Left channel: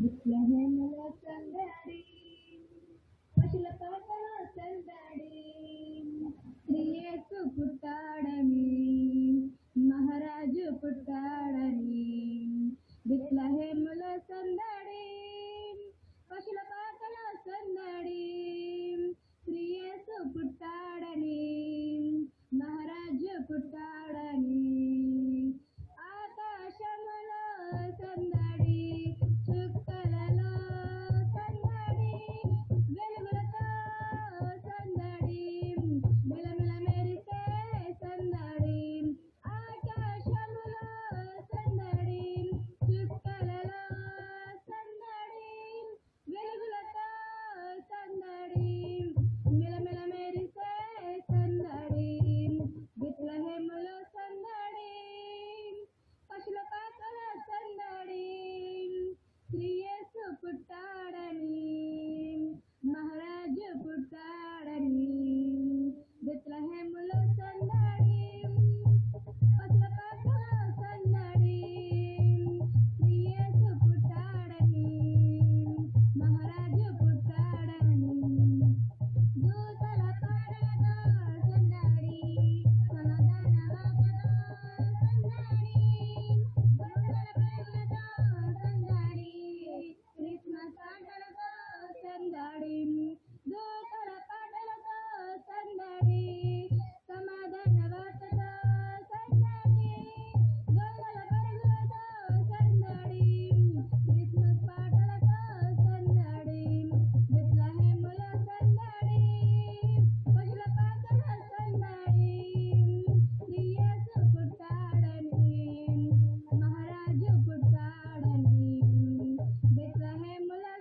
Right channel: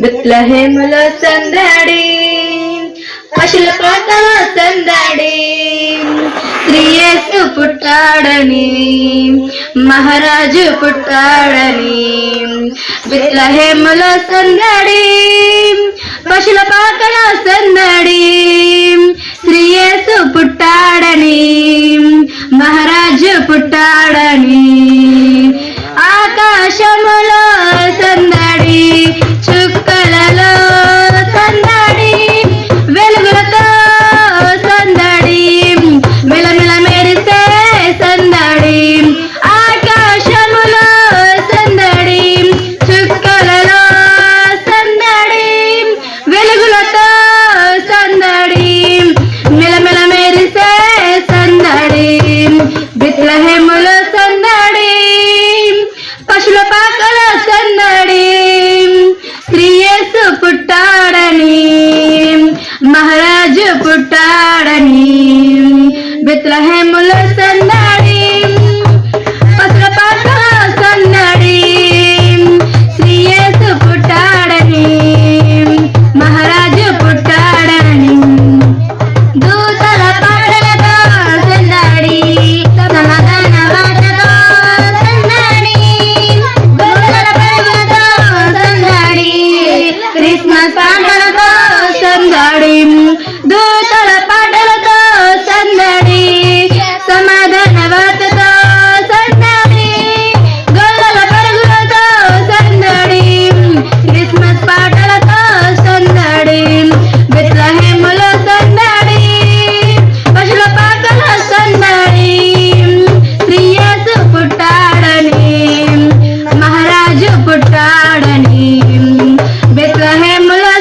బెత్లెహేములో సందడి, పశుల పాకలో సందడి, శ్రీ యేసు పుట్టాడని, మహారాజు పుట్టాడని. బెత్లెహేములో సందడి, పశుల పాకలో సందడి, శ్రీ యేసు పుట్టాడని, మహారాజు పుట్టాడని. ఆకాశములో సందడి, చుక్కలలో సందడి, వెలుగులతో సందడి, మెలమెల మెరిసే సందడి. ఆకాశములో సందడి, చుక్కలలో సందడి, వెలుగులతో సందడి, మెలమెల మెరిసే సందడి. బెత్లెహేములో సందడి, పశుల పాకల సందడి, శ్రీ యేసు పుట్టాడని, మహారాజు పుట్టాడని. బెత్లెహేములో సందడి, పశుల పాకల సందడి, శ్రీ యేసు పుట్టాడని, మహారాజు పుట్టాడని. దూతల పాటలతో సందడి, సమాధాన వార్తతో సందడి, గొర్రెల పరుగులతో సందడి, క్రిస్మస్ పాటలతో సందడి. దూతల పాటలతో సందడి, సమాధాన వార్తతో సందడి, గొర్రెల పరుగులతో సందడి, క్రిస్మస్ పాటలతో సందడి. బెత్లెహేములో సందడి, పశుల పాకల సందడి, శ్రీ యేసు పుట్టాడని, మహారాజు పుట్టాడని. బెత్లెహేములో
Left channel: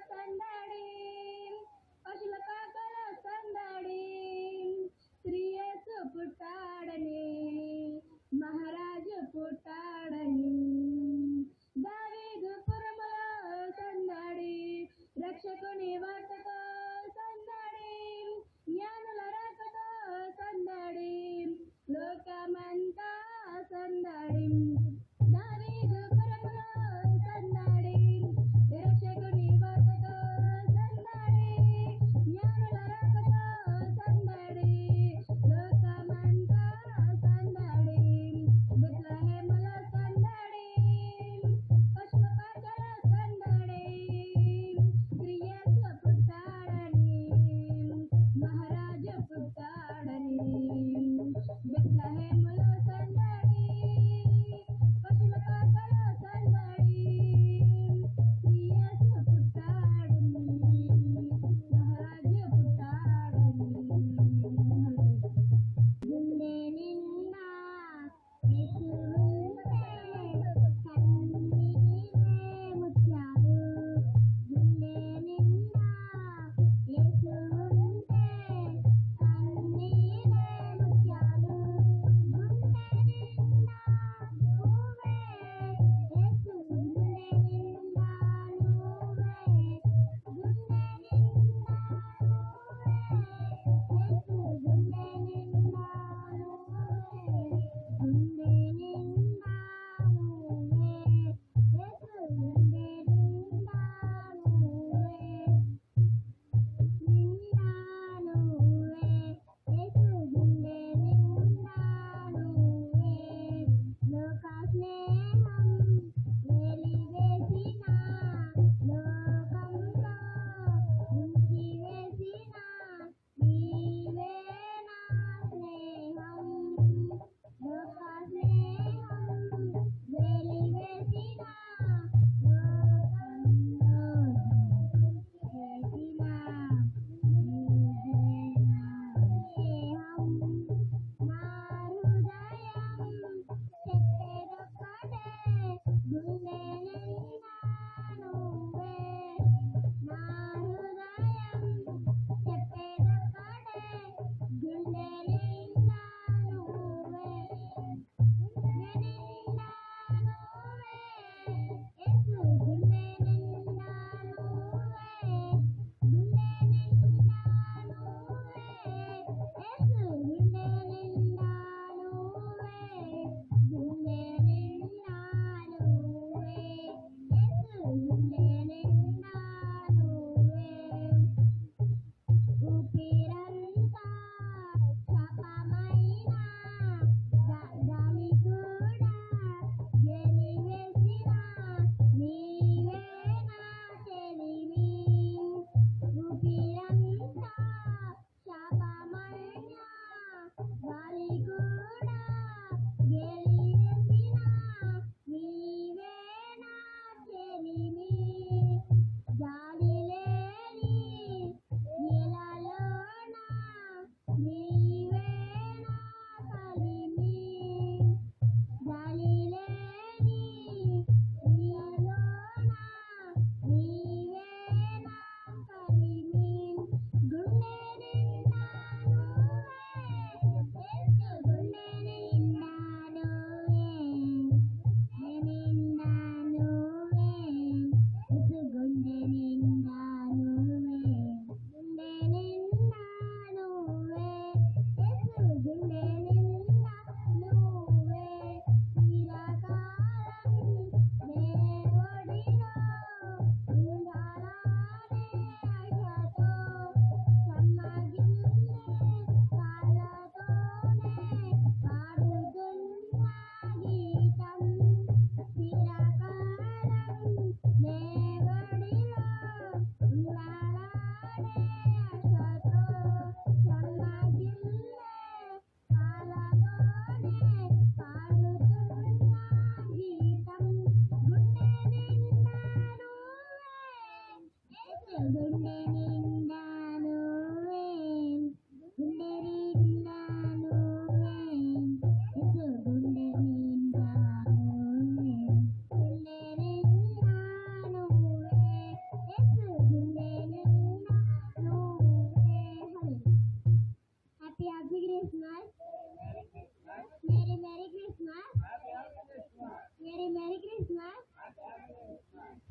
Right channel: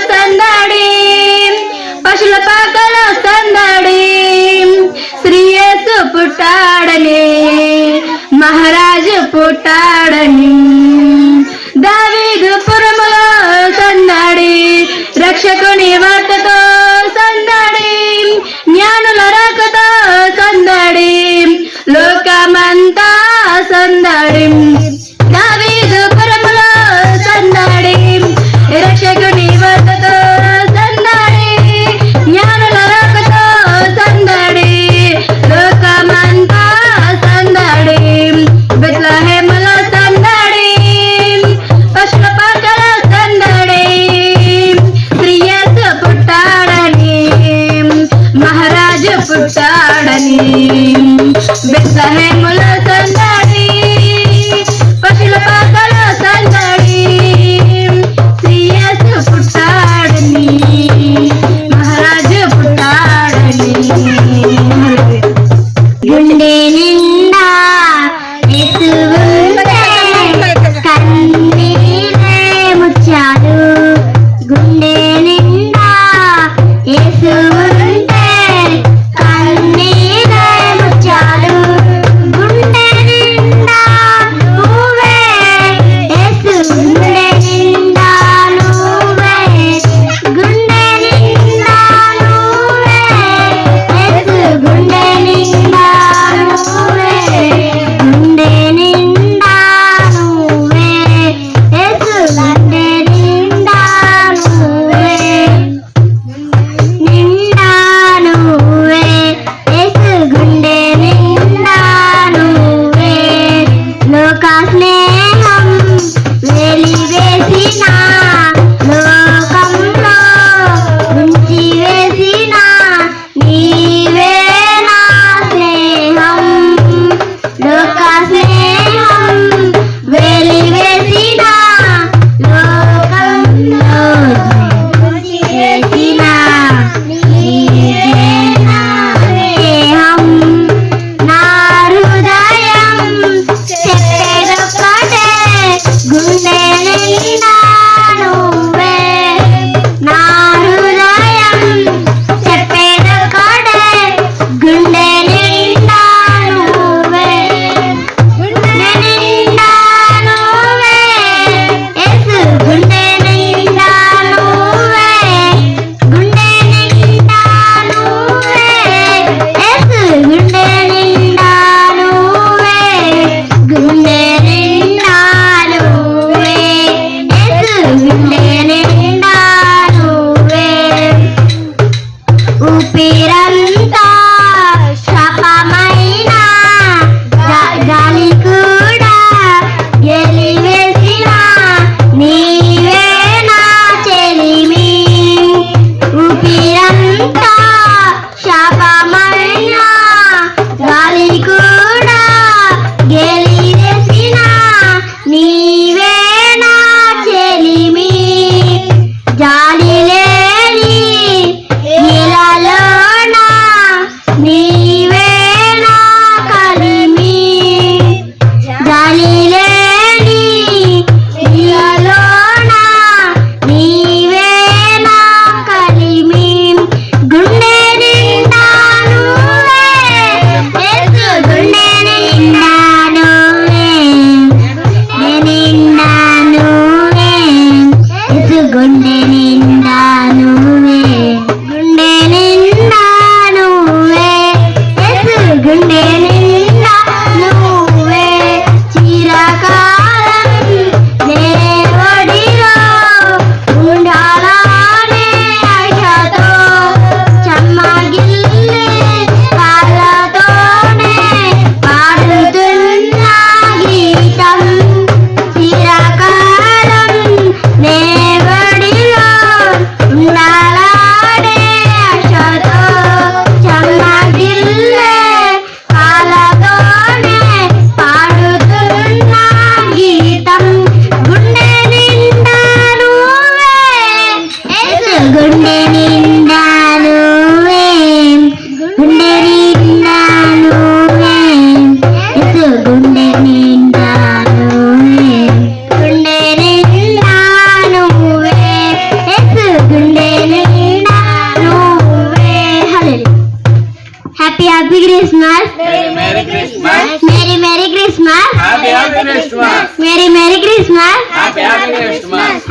Christmas. Merry Christmas. Merry Christmas. Happy Christmas. Merry Christmas. Happy Christmas.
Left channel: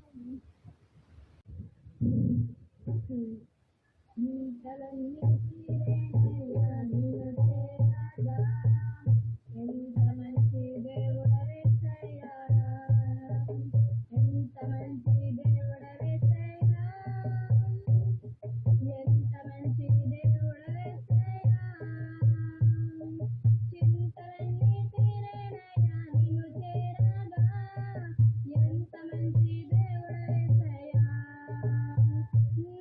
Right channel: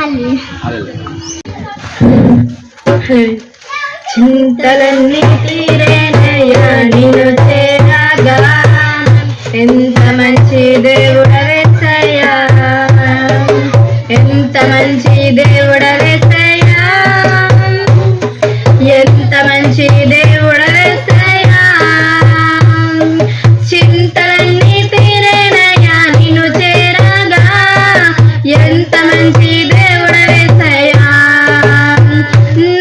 చింతలన్నీ తీరేనయ్యా నిన్ను చేరగా ఎంత మంచి దేవుడవేసయ్యా ఎంత మంచి దేవుడవేసయ్యా ఎంత మంచి దేవుడవేసయ్యా చింతలన్నీ తీరేనయ్యా నిన్ను చేరగా ఎంత మంచి దేవుడవేసయ్యా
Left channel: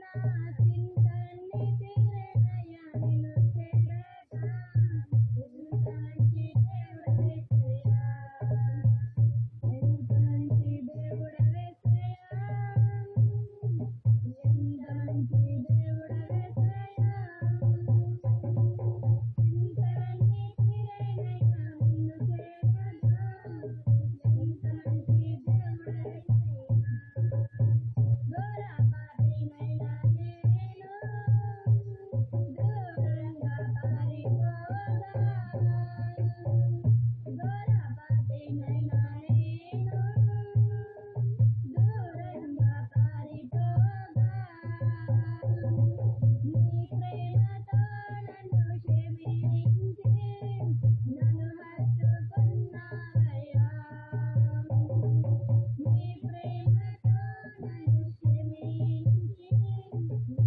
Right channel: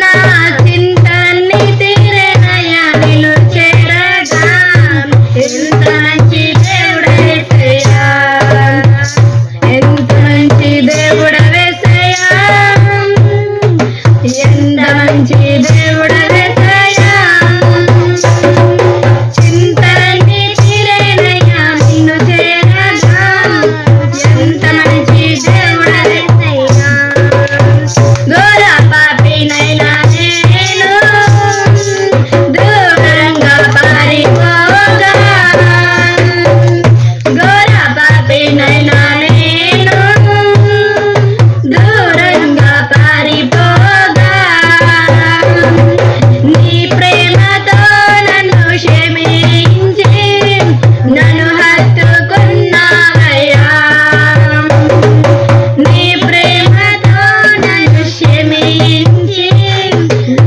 నా చింతలన్నీ తీరేనయ్యా నిన్ను చేరగా ఎంత మంచి దేవుడవేసయ్యా ఎంత మంచి దేవుడవేసయ్యా ఎంత మంచి దేవుడవేసయ్యా చింతలన్నీ తీరేనయ్యా నిన్ను చేరగా ఎంత మంచి దేవుడవేసయ్యా ఘోర పాపినైనా నేను దూరంగా పారిపోగా ఘోర పాపినైనా నేను దూరంగా పారిపోగా నీ ప్రేమతో నన్ను క్షమించి నన్ను హత్తుకున్నావయ్యా నీ ప్రేమతో నన్ను క్షమించి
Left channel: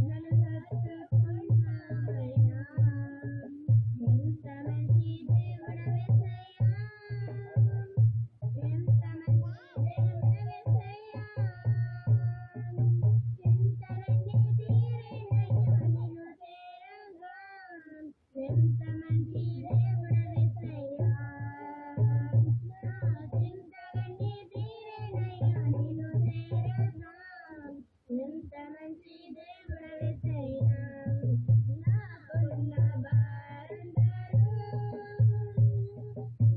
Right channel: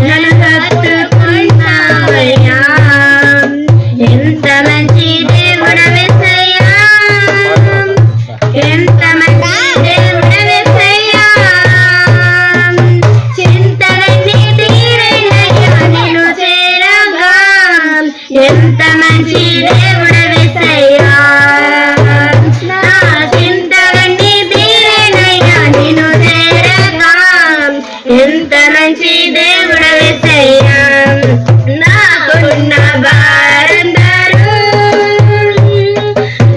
నన్ను హత్తుకున్నావయ్యా ఎంత మంచి దేవుడవేసయ్యా ఎంత మంచి దేవుడవేసయ్యా చింతలన్నీ తీరేనయ్యా నిన్ను చేరగా ఎంత మంచి దేవుడవేసయ్యా నా చింతలన్నీ తీరేనయ్యా నిన్ను చేరగా ఎంత మంచి దేవుడవేసయ్యా నాకున్న వారందరూ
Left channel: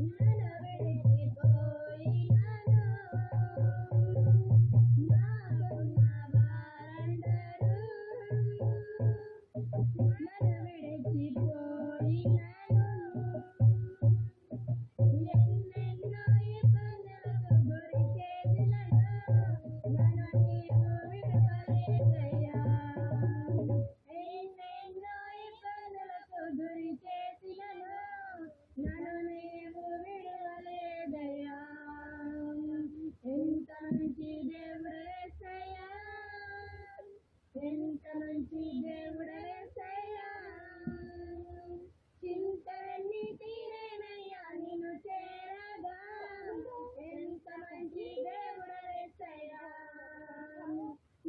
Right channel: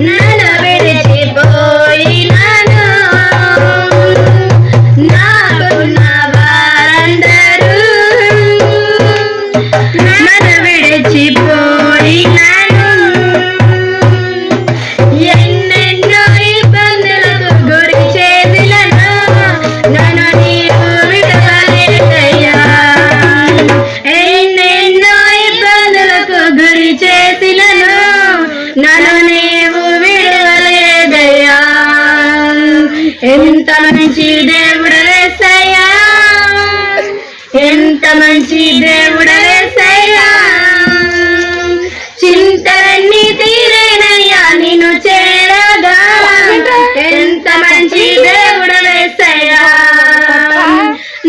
నన్ను విడిచిపోయినాను నాకున్న వారందరూ నన్ను విడిచిపోయినాను ఎన్నెన్నో ఇబ్బందులకు గురి చేసిలను నన్ను నీవు విడవలేదయ్యా ఎన్నెన్నో ఇబ్బందులకు గురి చేసిలను నన్ను నీవు విడవలేదయ్యా ఎంత మంచి దేవుడవేసయ్యా ఎంత మంచి దేవుడవేసయ్యా చింతలన్నీ తీరేనయ్యా నిన్ను చేరగా ఎంత మంచి దేవుడవేసయ్యా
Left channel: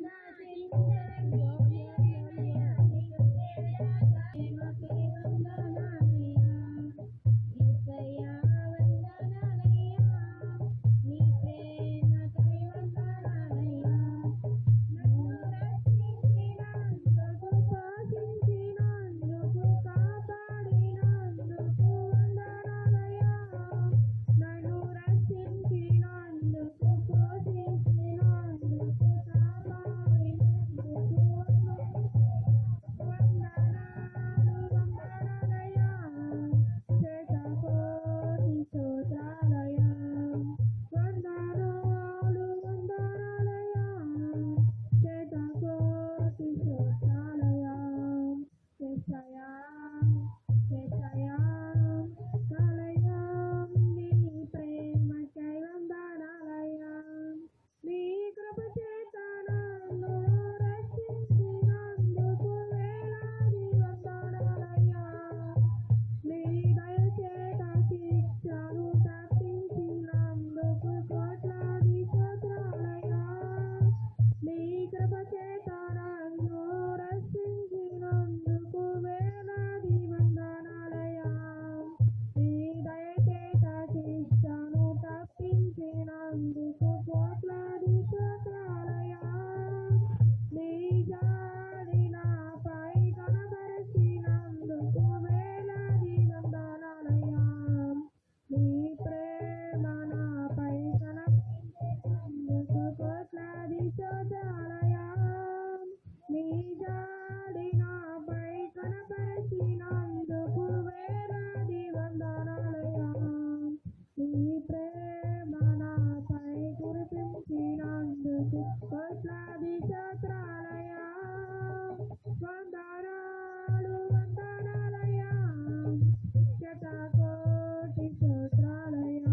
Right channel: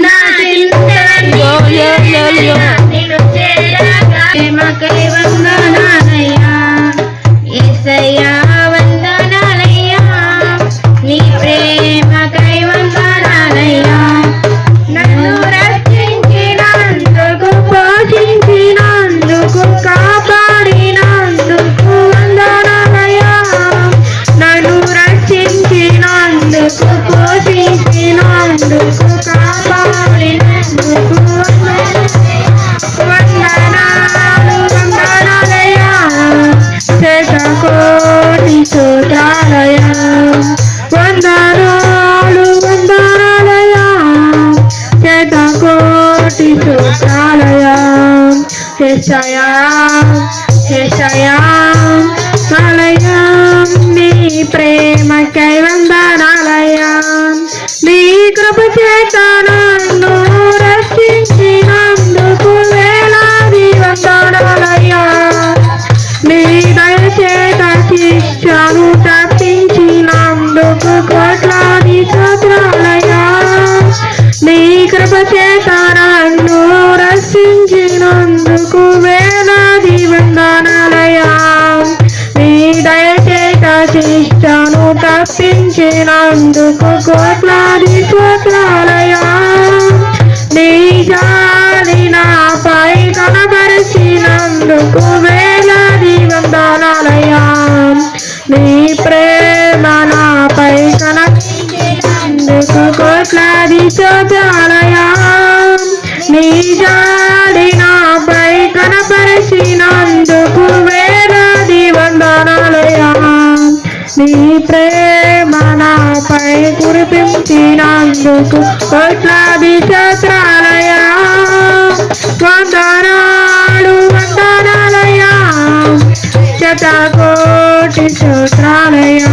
నా చింతలన్నీ తీరేనయ్యా నిన్ను చేరగా ప్రేమకై వందనాలయ్యా యేసయ్యా వందనాలయ్యా నీ ప్రేమకై వందనాలయ్యా నన్ను రక్షించినందుకు పోషించినందుకు కాపాడినందుకు వందనాలయ్యా నన్ను రక్షించినందుకు పోషించినందుకు కాపాడినందుకు వందనాలు వందనాలయ్యా శతకోటి స్తోత్రాలయ్యా వందనాలు వందనాలయ్యా శతకోటి స్తోత్రాలయ్యా యేసయ్యా యేసయ్యా మలయ్యా నీ ప్రేమకై వందనాలయ్యా నీ కృప చేత నన్ను రక్షించినందుకు వేలాది వందనాలయ్యా నీ దయ చేత శిక్షను తప్పించినందుకు కోట్లాది స్తోత్రాలయ్యా నీ కృప చేత నన్ను రక్షించినందుకు వేలాది వందనాలయ్యా నీ దయ చేత శిక్షను తప్పించినందుకు కోట్లాది స్తోత్రాలయ్యా నీ జాలి నాపై కనబరిచినందుకు వేలాది వందనాలయ్యా నీ ప్రేమ నాపై కనబరిచినందుకు కోట్లాది స్తోత్రాలయ్యా నీ జాలి నాపై కనబరిచినందుకు వేలాది రక్షించినందుకు కోట్లాది స్తోత్రాలయ్యా. వందనాలు వందనాలయ్యా, శతకోటి స్తోత్రాలయ్యా.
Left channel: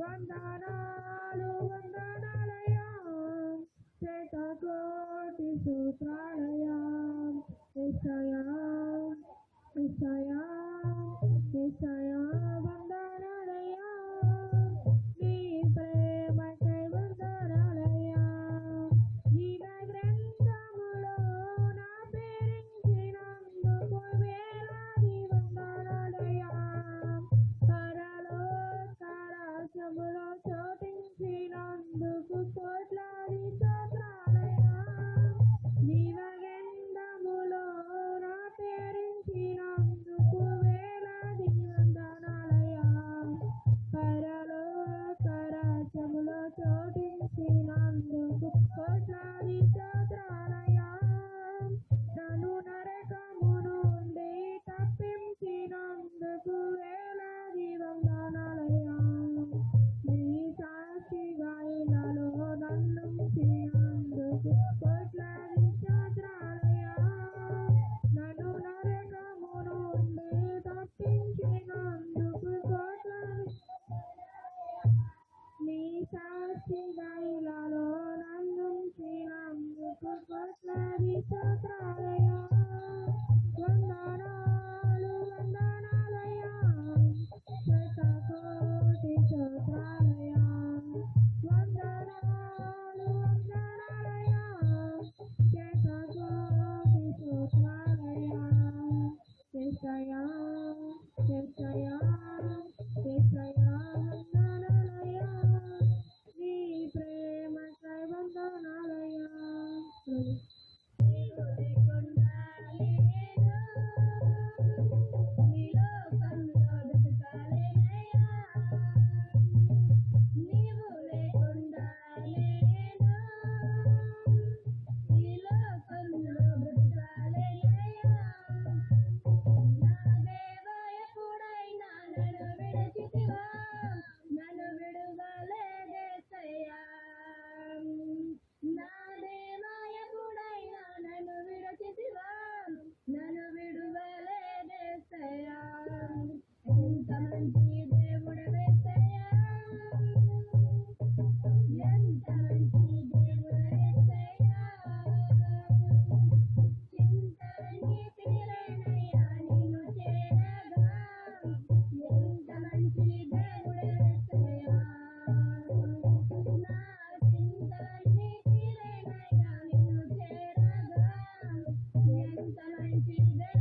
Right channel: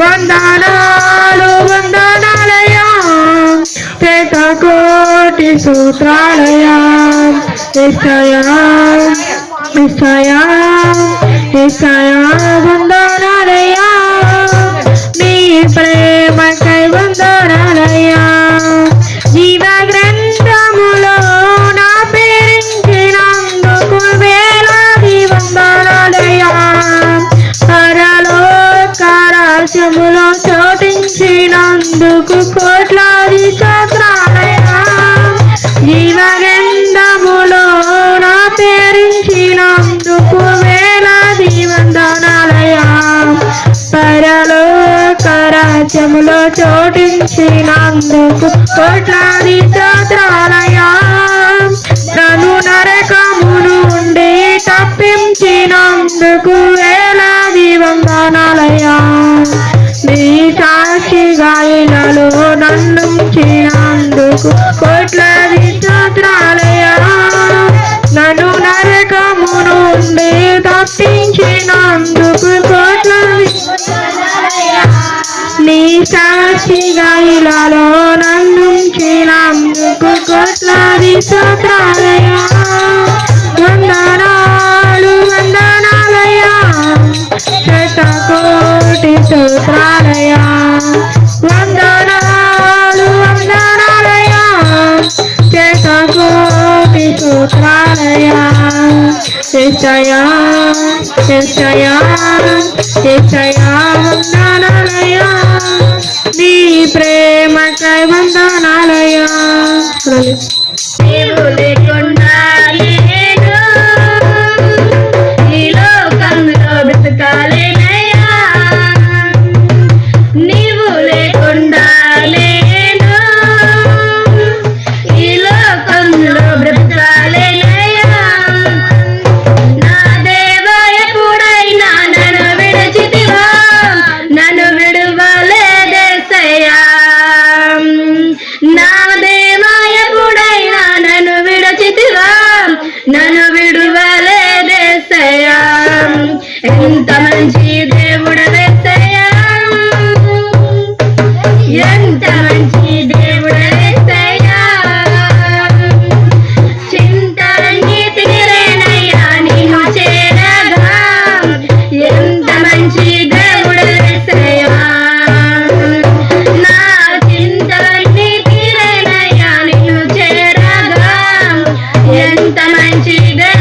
వందనాలు వందనాలయ్యా, శతకోటి స్తోత్రాలయ్యా. యేసయ్యా యేసయ్యా యేసయ్యా వందనాలయ్యా, నీ ప్రేమకై వందనాలయ్యా. జీవ గ్రంథములో నా పేరించినందుకు వేలాది వందనాలయ్యా. పరలోక రాజ్యములో చోటించినందుకు కోట్లాది స్తోత్రాలయ్యా. జీవ గ్రంథములో నా పేరించినందుకు వేలాది వందనాలయ్యా. పరలోక రాజ్యములో చోటించినందుకు కోట్లాది స్తోత్రాలయ్యా. నన్ను నరకమును నుండి తప్పించినందుకు వేలాది వందనాలయ్యా. నీ సాక్షిగా ఇలలో నన్ను ఉంచినందుకు కోట్లాది స్తోత్రాలయ్యా. నన్ను నరకము నుండి తప్పించినందుకు కోట్లాది నీ సాక్షిగా ఇలలో నన్ను ఉంచినందుకు కోట్లాది స్తోత్రాలయ్యా. వందనాలు వందనాలయ్యా, శతకోటి స్తోత్రాలయ్యా. వందనాలు వందనాలయ్యా, శతకోటి స్తోత్రాలయ్యా. యేసయ్యా యేసయ్యా యేసయ్యా వందనాలయ్యా, నీ ప్రేమకై వందనాలయ్యా. నీవు లేకుండా నేను ఈ లోకంలో బ్రతకాలేనయ్యా. నీవు లేకుండా నేను ఈ లోకంలో బ్రతకాలేనయ్యా. నా దేవా ఎప్పుడైనా నన్ను విడిచితివా, నన్ను విడువలేదేసయ్యా. నా దేవా ఎప్పుడైనా నన్ను విడిచితివా, నన్ను విడువలేదేసయ్యా. ఎంత మంచి దేవుడవేసయ్యా, ఎంత మంచి దేవుడవేసయ్యా. చింతలన్నీ తీరేనయ్యా నిన్ను చేరగా, ఎంత మంచి దేవుడవేసయ్యా. నా చింతలన్నీ తీరేనయ్యా నిన్ను చేరగా, ఎంత మంచి దేవుడవేసయ్యా.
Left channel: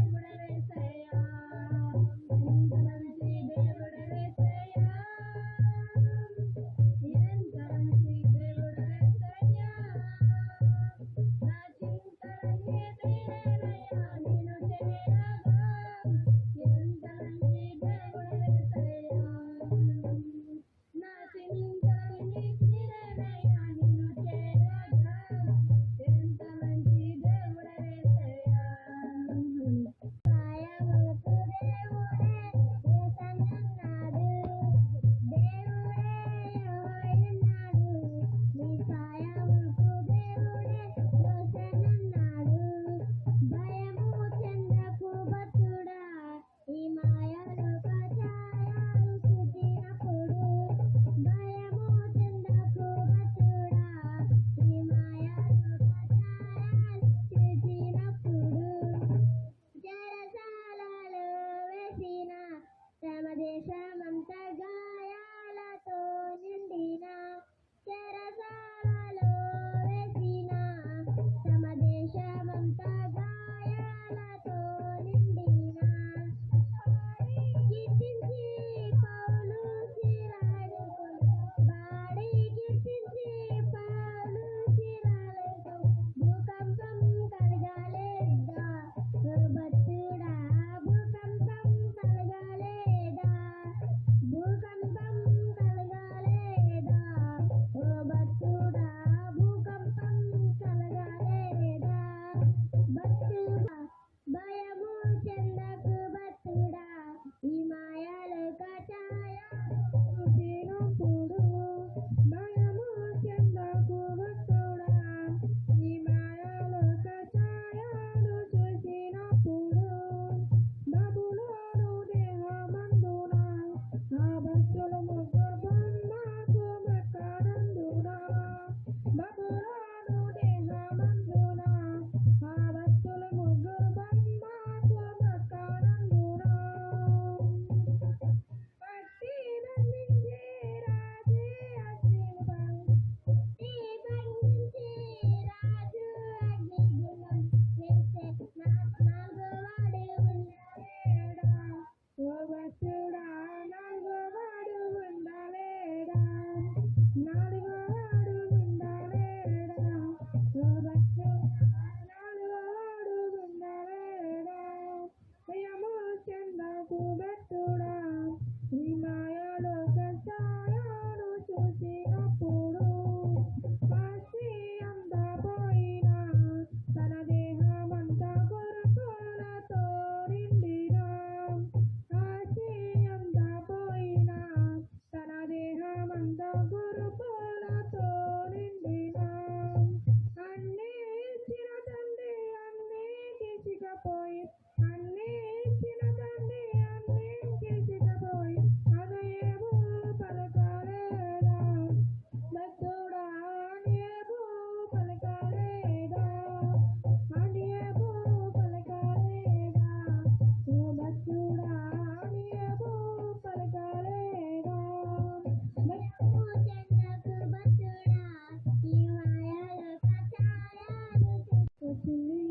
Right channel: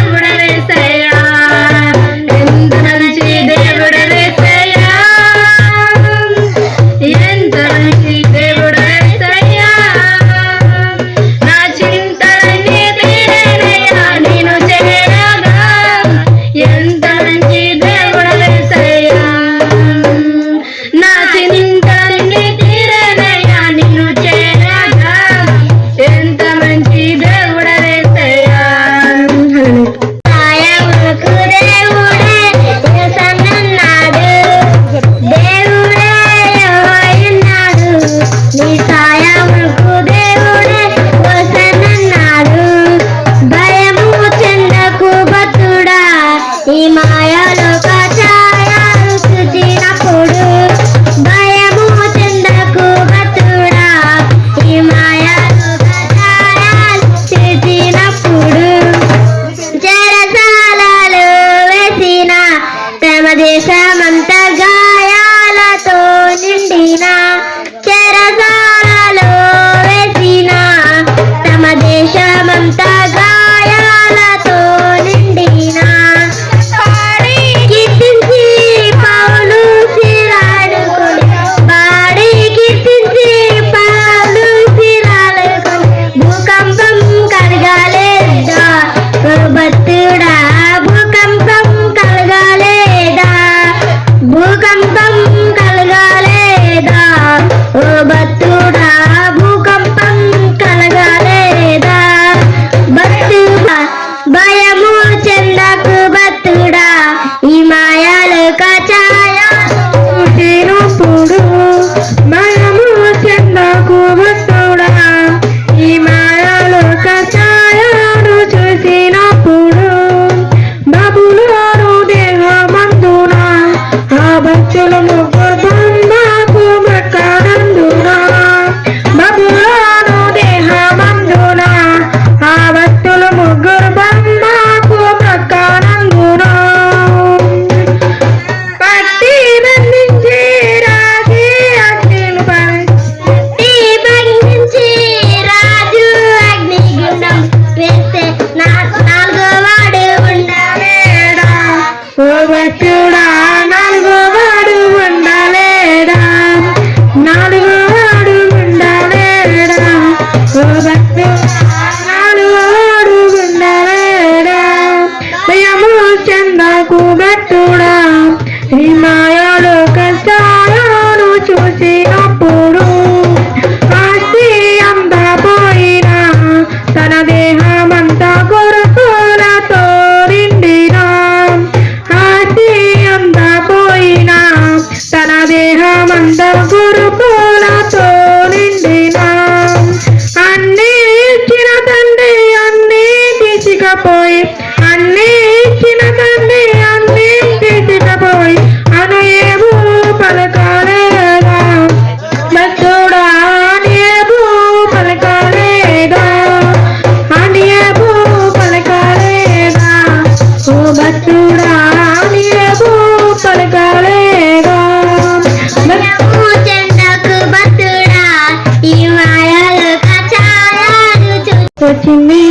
వచ్చింది,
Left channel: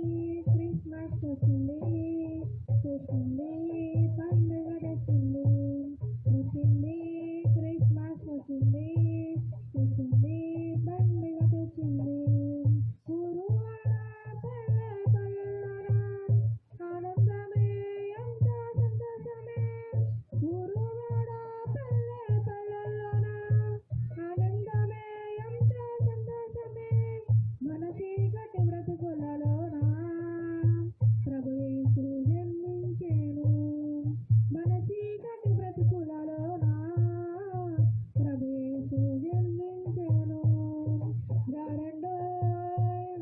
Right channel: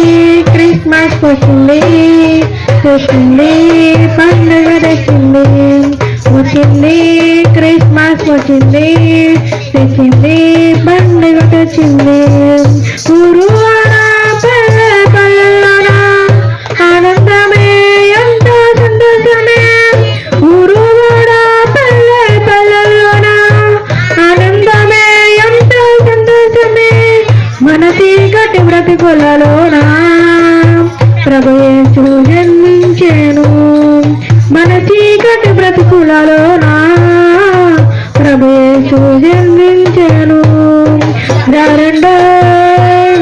క్రిస్మస్ వచ్చింది, తెచ్చింది పండుగ తెచ్చింది. వచ్చింది క్రిస్మస్ వచ్చింది, తెచ్చింది పండుగ తెచ్చింది. ఊరు వాడ పల్లె పల్లెలోన ఆనందమే ఎంతో సంతోషమే. ఊరు వాడ పల్లె పల్లెలోన ఆనందమే ఎంతో సంతోషమే. మన చీకటి బ్రతుకులలోన ప్రభు యేసు జన్మించెను. మన చీకటి బ్రతుకులలోన ప్రభు యేసు జన్మించెను. రారెండో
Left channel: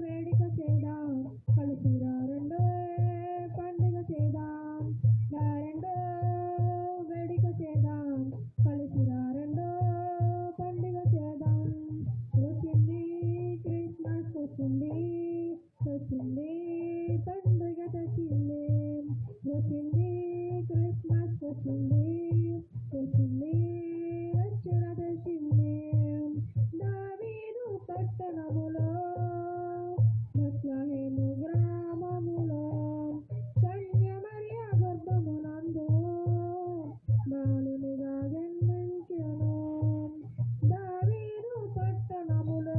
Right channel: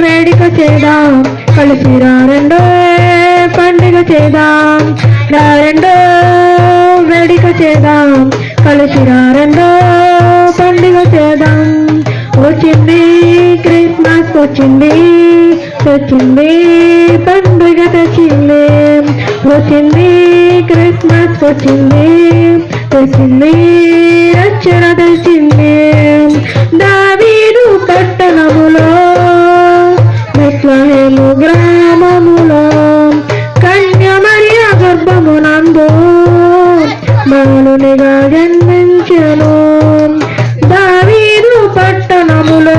వేడుక చేద్దాం, కలిసి రారెండో పండుగ చేద్దాం. రారెండో వేడుక చేద్దాం, కలిసి రారెండో పండుగ చేద్దాం. వచ్చింది క్రిస్మస్ వచ్చింది, తెచ్చింది పండుగ తెచ్చింది. వచ్చింది క్రిస్మస్ వచ్చింది, తెచ్చింది రక్షణ తెచ్చింది. దావీదు పట్టణములో బెత్లెహేము గ్రామములో కన్య మరియ గర్భమునందు బాలునిగా జన్మించెను. దావీదు పట్టణములో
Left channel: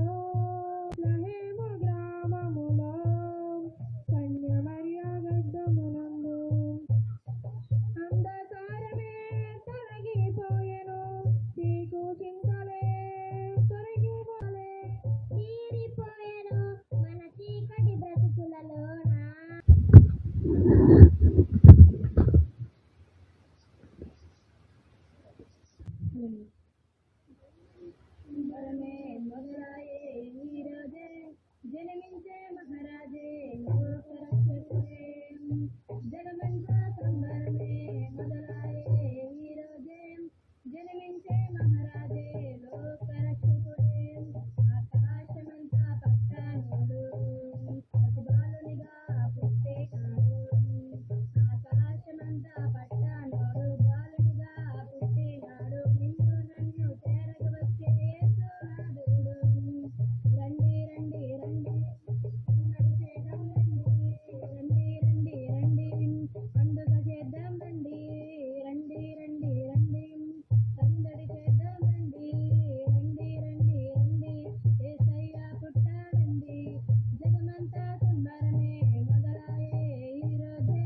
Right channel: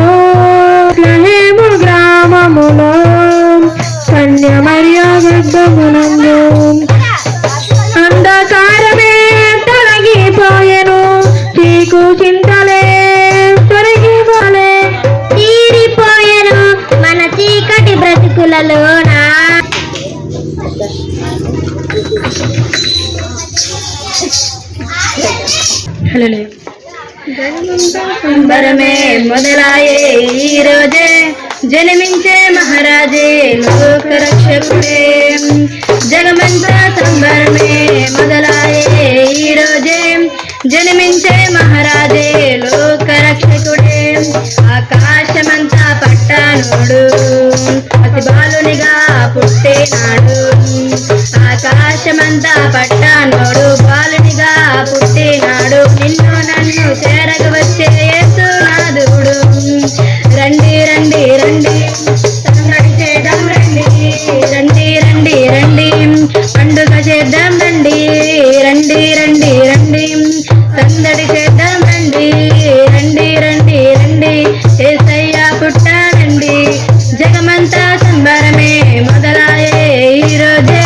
బెత్లెహేము గ్రామములో కన్య మరియ గర్భమునందు అంధకారమే తొలగిపోయెను, చీకు చింతలే తొలగిపోలే, తీరిపోయెను మన చీకటి బ్రతుకులలోన. సంబరమే మొదలాయే ఈ రోజే, జన్మించే మహారాజే లోక రక్షకుడే. జగమంతా సంబరమే మొదలాయే ఈ రోజే, జన్మించే మహారాజే లోక రక్షకుడే. ఆకాశమంతా పట్టానుడు అతి బాలునిగా పుట్టినాడు. ఆకాశమంతా పట్టానుడు బాలునిగా పుట్టినాడు. నిన్ను నన్ను చేరగ వచ్చే యేసునాథుడు. రండి రండి రండి సందడి చేద్దాం రండి, రండి రండి రండి పండుగ చేద్దాం రండి. రండి రండి రండి సందడి చేద్దాం రండి. రండి రండి రండి యేసయ్య పుట్టాడండి. జగమంతా సంబరమే మొదలాయే ఈ రోజే,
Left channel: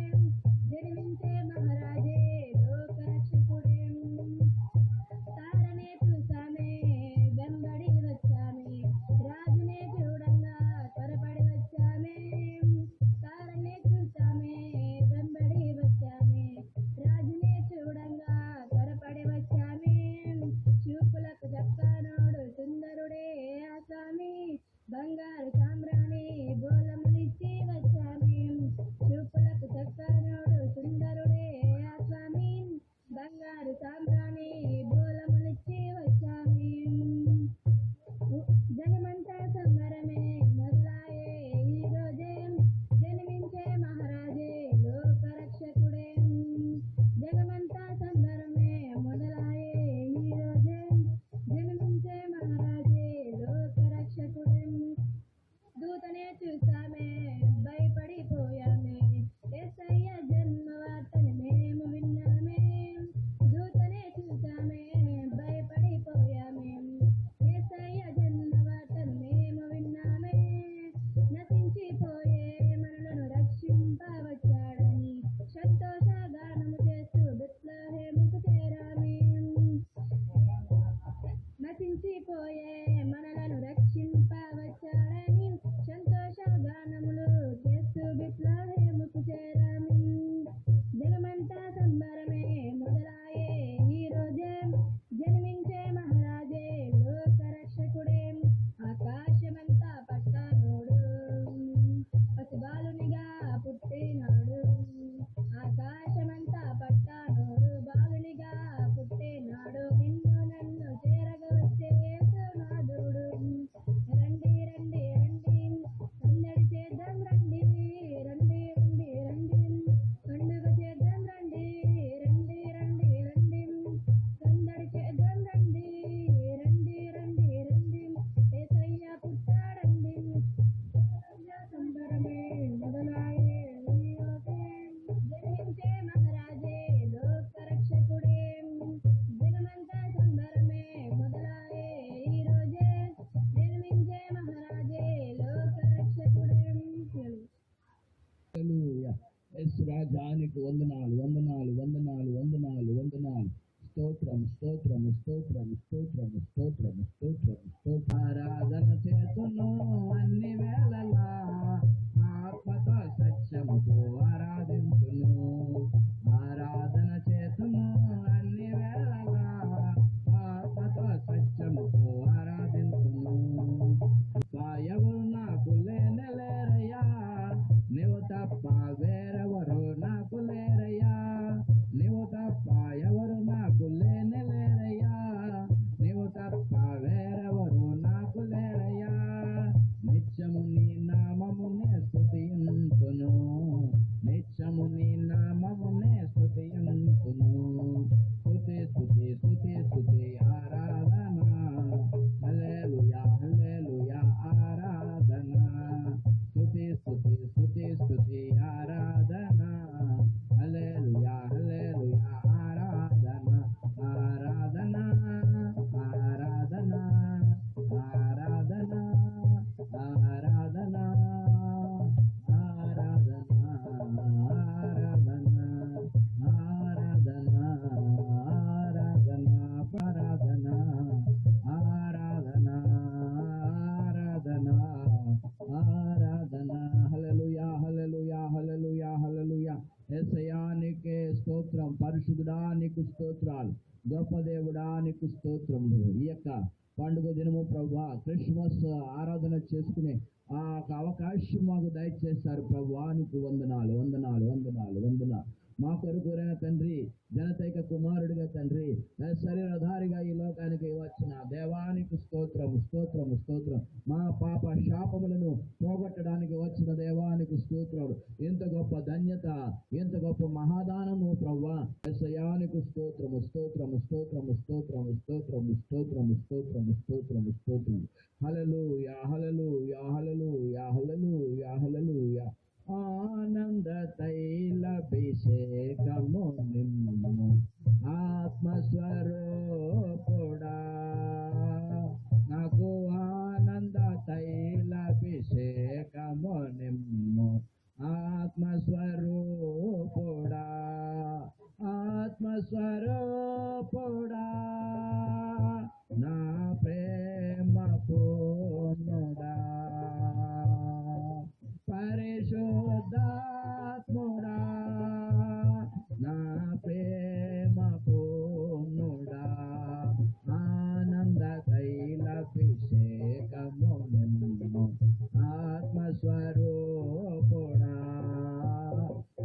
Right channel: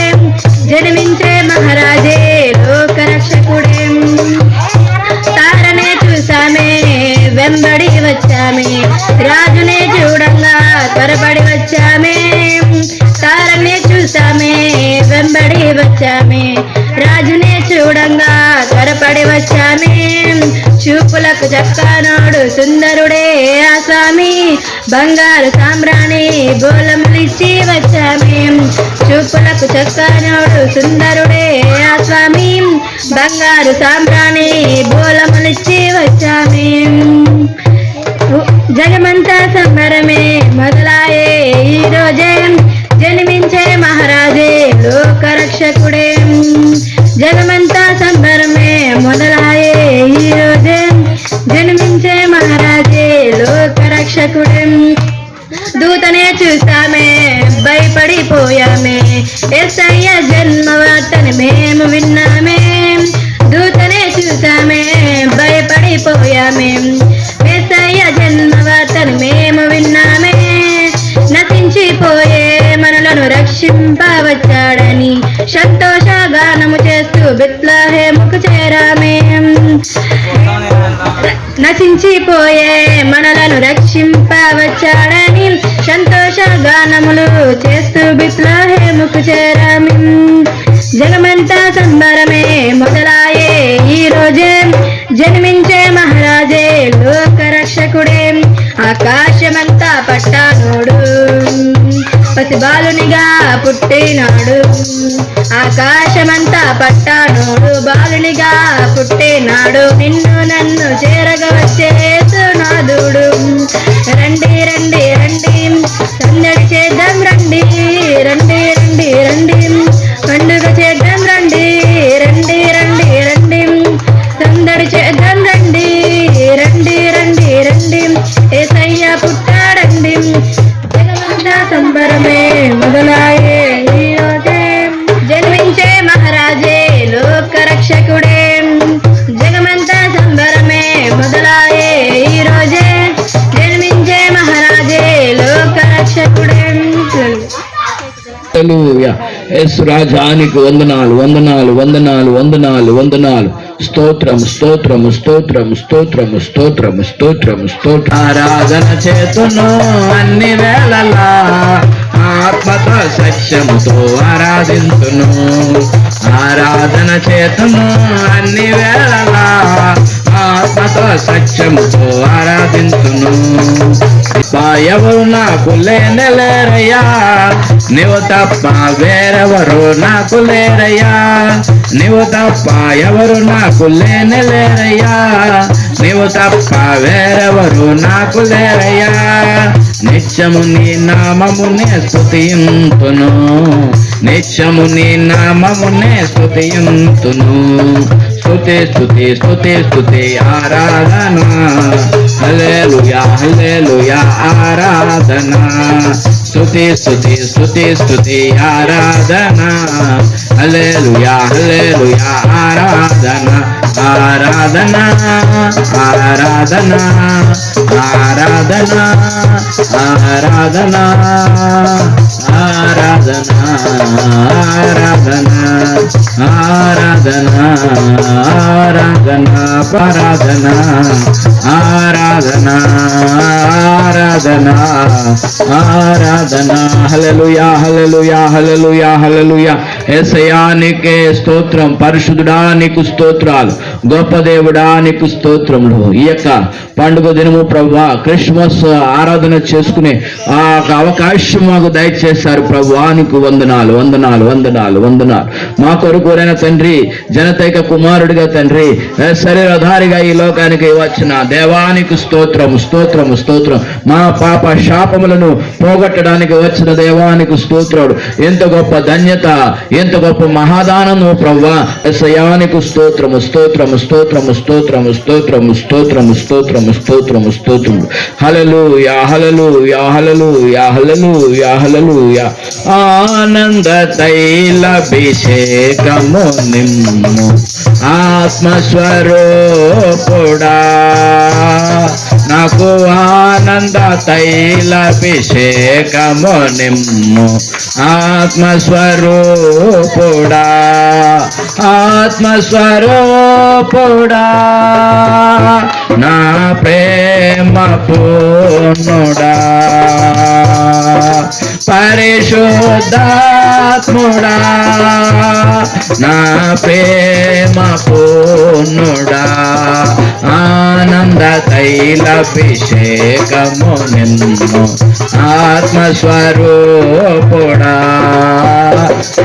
జన్మించే మహారాజే లోక రక్షకుడే. తారనే చూసామే వెంబడి వచ్చామే, రాజునే చూడంగా త్వరపడి వచ్చామే. తారనే చూసామే వెంబడి వచ్చామే, రాజునే చూడంగా త్వరపడి వచ్చామే. చూపులకు చక్కనోడు సుందరుడే ఆ స్వామి, బంగారు సాంబ్రాణి బోలములిచ్చి వచ్చామే. చూపులకు చక్కనోడు సుందరుడే ఆ స్వామి, బంగారు సాంబ్రాణి బోలములిచ్చి వచ్చామే. జగమంతా సంబరమే మొదలాయే ఈ రోజే, జన్మించే మహారాజే లోక రక్షకుడే. జగమంతా సంబరమే మొదలాయే ఈ రోజే, జన్మించే మహారాజే లోక రక్షకుడే. దూతనే చూసామే భయపడిపోయామే, యేసయ్య జన్మ వార్తని మేము విన్నామే. దూతనే చూసామే భయపడిపోయామే, యేసయ్య జన్మ వార్తని మేము విన్నామే. నశించిపోయే మనలను రక్షింపవచ్చాడని సంతోషగానము చేస్తూ బెత్లెహేముకు చేరామే. నశించిపోయే మనలను రక్షింపవచ్చాడని సంతోషగానములు చేస్తూ బెత్లెహేముకు చేరామే. జగమంతా సంబరమే మొదలాయే ఈ రోజే, జన్మించే మహారాజే లోక రక్షకుడే. ఆకాశమంతా పట్టానోడు పసి బాలునిగా పుట్టినాడు. ఆకాశమంతా పట్టానోడు బాలునిగా పుట్టినాడు. నిన్ను నన్ను చేరగ వచ్చే యేసునాథుడు. రండి రండి రండి సందడి చేద్దాం రండి. రండి రండి రండి పండుగ చేద్దాం రండి. రండి రండి రండి సందడి చేద్దాం రండి. రండి రండి రండి యేసయ్య పుట్టాడండి. జగమంతా సంబరమే మొదలాయే ఈరోజే జన్మించే మహారాజే లోక రక్షకుడే జగమంతా సంబరమే మొదలాయే ఈరోజే జన్మించే మహారాజే లోక రక్షకుడే. హల్లెలూయా. యేసు రాజానికి వందనాలు వందనాలు వందనాలు వందనాలు వందనాలు. స్తోత్రం స్తోత్రం స్తోత్రం స్తోత్రం స్తోత్రం స్తోత్రం స్తోత్రం. ఆరాధన చేతును అన్ని వేళలా ఆత్మతో సత్యముతో ఆరాధింతును. ఆరాధన చేతును అన్ని వేళలా ఆత్మతో సత్యముతో ఆరాధింతును. ఎవరు నాకు లేరయ్యా, నీవు తప్ప వేరెవరు నాకు లేరయ్యా. నీవు తప్ప ఎవరు నాకు లేరయ్యా, నీవు తప్ప వేరెవరు నాకు లేరయ్యా. నిత్యము నీ నామమునే స్తుతింతును, నిత్యము నీ నామమునే స్తుతింతును. స్తుతి స్తుతి స్తుతి స్తుతి ఆరాధన. హల్లెలూయా హల్లెలూయా ఆరాధన. స్తుతి స్తుతి స్తుతి స్తుతి ఆరాధన. హల్లెలూయా హల్లెలూయా ఆరాధన. ఆరాధన ఆరాధన ఆరాధన ఆరాధన ఆరాధన ఆరాధన ఆరాధన ఆరాధన పరాధన ఆరాధన ఆరాధన ఆరాధన. హల్లెలూయా హల్లెలూయా హల్లెలూయా హల్లెలూయా. యేసయ్యా నీకే స్తోత్రం. పరిశుద్ధుడా నీకు స్తోత్రాలు. గొప్ప దేవుడా నీకు స్తోత్రములు. ఈ యొక్క పండుగ దినము ప్రభువా, క్రిస్మస్ ఆరాధన చేసుకునే ఆ అవకాశం మాకు దయచేశారు ప్రభువా, నీకు వందనాలు వందనాలు వందనాలు వందనాలు. మా కొరకురైన తండ్రి, జనతైక కుమారుడిగా తండ్రి, శరీరధారిగా ఈ లోకానికి వచ్చిన దేవానికి స్తోత్రం స్తోత్రం స్తోత్రం. మా పాప శాపములను పోగొట్టడానికి వచ్చిన దేవానికి స్తోత్రాడు. ఎంత గొప్ప ధన్యత, ఎంత గొప్ప మహాదానము ప్రభువా. యేసయ్యానికి స్తోత్రము స్తోత్రము స్తోత్రము స్తోత్రము స్తోత్రము స్తోత్రము స్తోత్రము స్తోత్రము స్తోత్రము. హల్లెలూయా హల్లెలూయా హల్లెలూయా హల్లెలూయా హల్లెలూయా. ఆనంద తైలాభిషేకము నిమ్ము ఆత్మస్వరూపుడా, నాకు ఆనంద తైలాభిషేకము నిమ్ము ఆత్మస్వరూపుడా. ఆత్మస్వరూపుడా, నా ప్రేమ పూర్ణుడా, పరిశుద్ధాత్ముడా, నా ప్రేమ పూర్ణుడా. ఆనంద తైలాభిషేకము నిమ్ము ఆత్మస్వరూపుడా,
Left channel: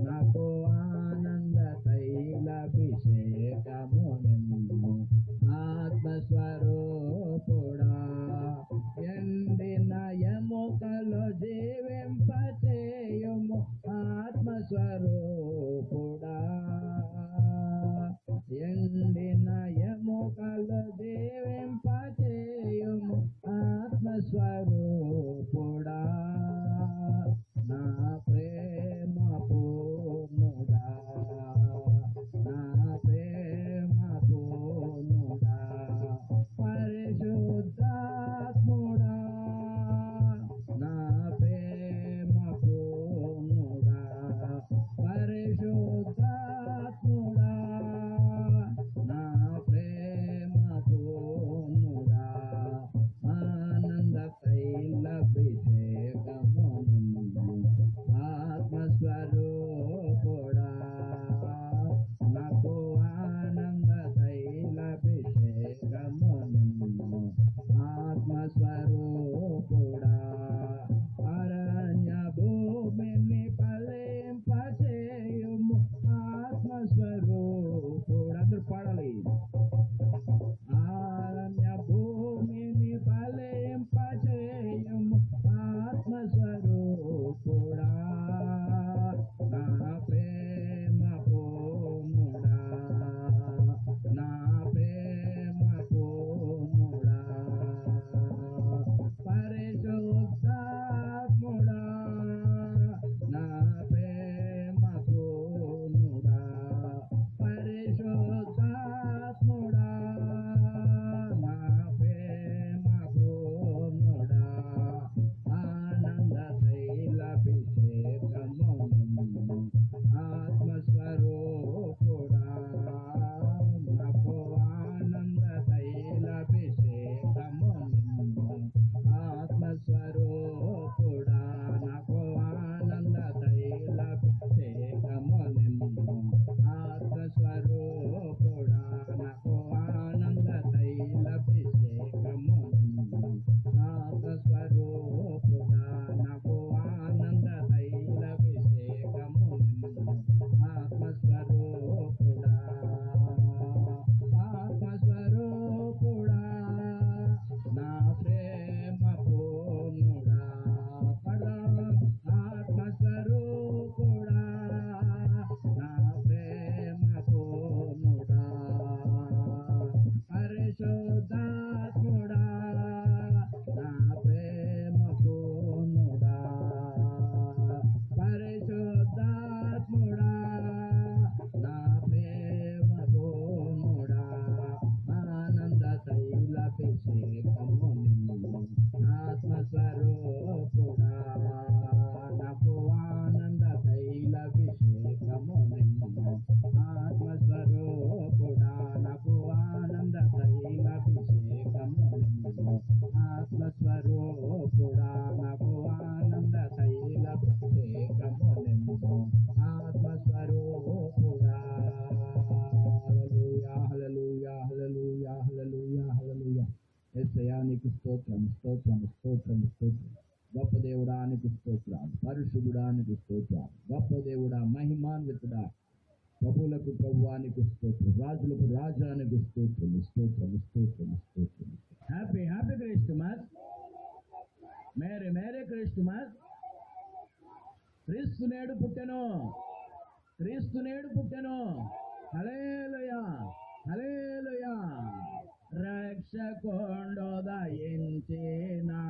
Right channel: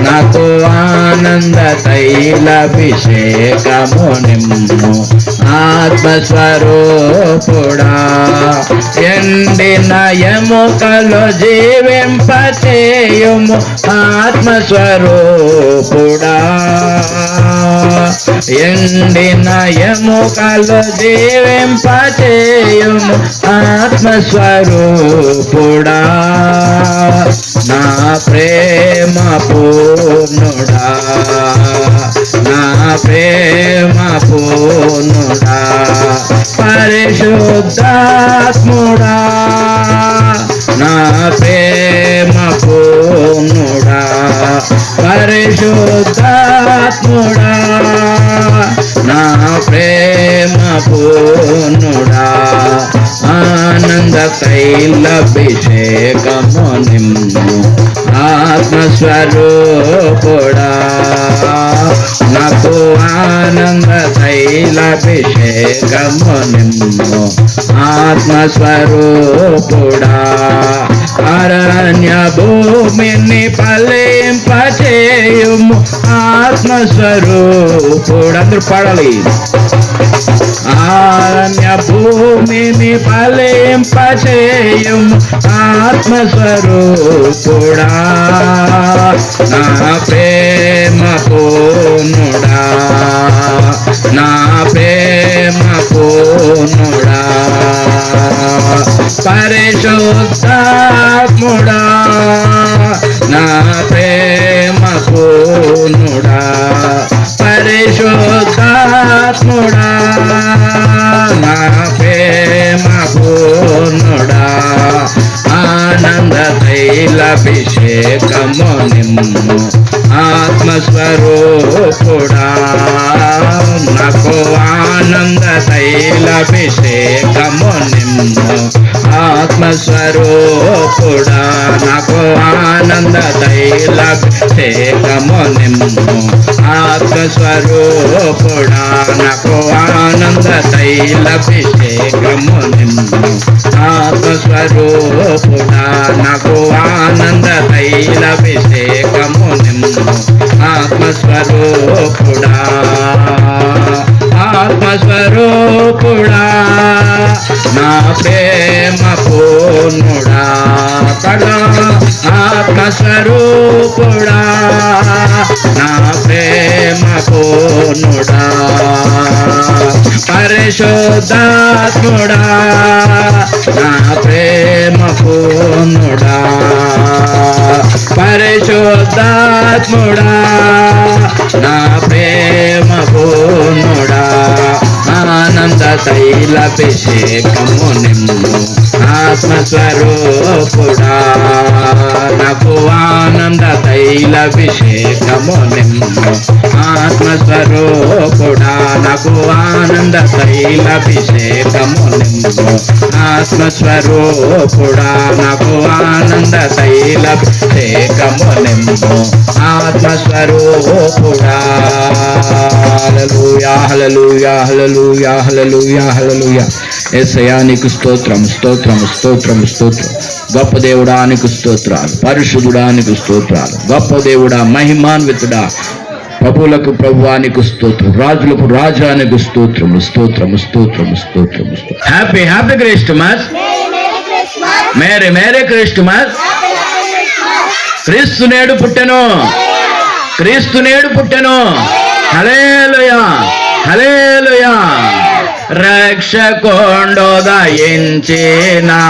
నాకు ఆనంద తైలాభిషేకము నిమ్ము ఆత్మస్వరూపుడా. ఎండిన ఎముకలు జీవింపచేయుము ఆత్మస్వరూపుడా. ఎండిన ఎముకలు జీవింపచేయుము ఆత్మస్వరూపుడా, నా ప్రేమ పూర్ణుడా, నా ప్రేమ పూర్ణుడా, పరిశుద్ధాత్ముడా, నా ప్రేమ పూర్ణుడా, పరిశుద్ధాత్ముడా, నా ప్రేమ పూర్ణుడా. ఆనంద తైలాభిషేకము నిమ్ము ఆత్మస్వరూపుడా, నాకు ఆనంద తైలాభిషేకము నిమ్ము ఆత్మస్వరూపుడా. అరణ్య భూమిని ఫలింపచేయుము ఆత్మస్వరూపుడా. అందరూ పాడాలి. అరణ్య భూమిని ఫలింపచేయుము ఆత్మస్వరూపుడా, నా ప్రేమ పూర్ణుడా, నా ప్రేమ పూర్ణుడా, పరిశుద్ధాత్ముడా, నా ప్రేమ పూర్ణుడా పరిశుద్ధాత్ముడా నా ప్రేమ పూర్ణుడా ఆనంద తైలాభిషేకము నిమ్ము ఆత్మస్వరూపుడా నాకు ఆనంద తైలాభిషేకము నిమ్ము ఆత్మస్వరూపుడా నాకు ఆనంద తైలాభిషేకము నిమ్ము ఆత్మస్వరూపుడా నాకు ఆనంద తైలాభిషేకము నిమ్ము ఆత్మస్వరూపుడా నాకు ఆనంద తైలాభిషేకము నిమ్ము ఆత్మస్వరూపుడా ఆత్మస్వరూపుడా నా ప్రేమ పూర్ణుడా తడా ఆత్మస్వరూపుడా నా ప్రేమ పూర్ణుడా పరిశుద్ధాత్ముడా నా ప్రేమ పూర్ణుడా పరిశుద్ధాత్ముడా నా ప్రేమ పూర్ణుడా ఆనంద తైలాభిషేకము నిమ్ము ఆత్మస్వరూపుడా నాకు ఆనంద తైలాభిషేకము నిమ్ము ఆత్మస్వరూపుడా నాకు ఆనంద తైలాభిషేకము నిమ్ము ఆత్మస్వరూపుడా నాకు ఆనంద తైలాభిషేకము నిమ్ము ఆత్మస్వరూపుడా హల్లెలూయా హల్లెలూయా హల్లెలూయా హల్లెలూయా హల్లెలూయా యేసయ్యా నీకు స్తోత్రం స్తోత్రం స్తోత్రం స్తోత్రం గొప్ప దేవుడా నీకు స్తోత్రాలు పరిశుద్ధుడా నీకు స్తోత్రాలు గొప్ప దేవుడా మహిమాన్వితుడా ప్రభువులకు ప్రభువా నీకు స్తోత్రం రాజులకు రాజా నీకు స్తోత్రము స్తోత్రము స్తోత్రము స్తోత్రము happy happy Christmas merry merry Christmas క్రీస్తు నేడు పుట్టెను క్రీస్తు నేడు పుట్టెను హల్లెలూయా హల్లెలూయా రక్షకొండు దయించినాడెలా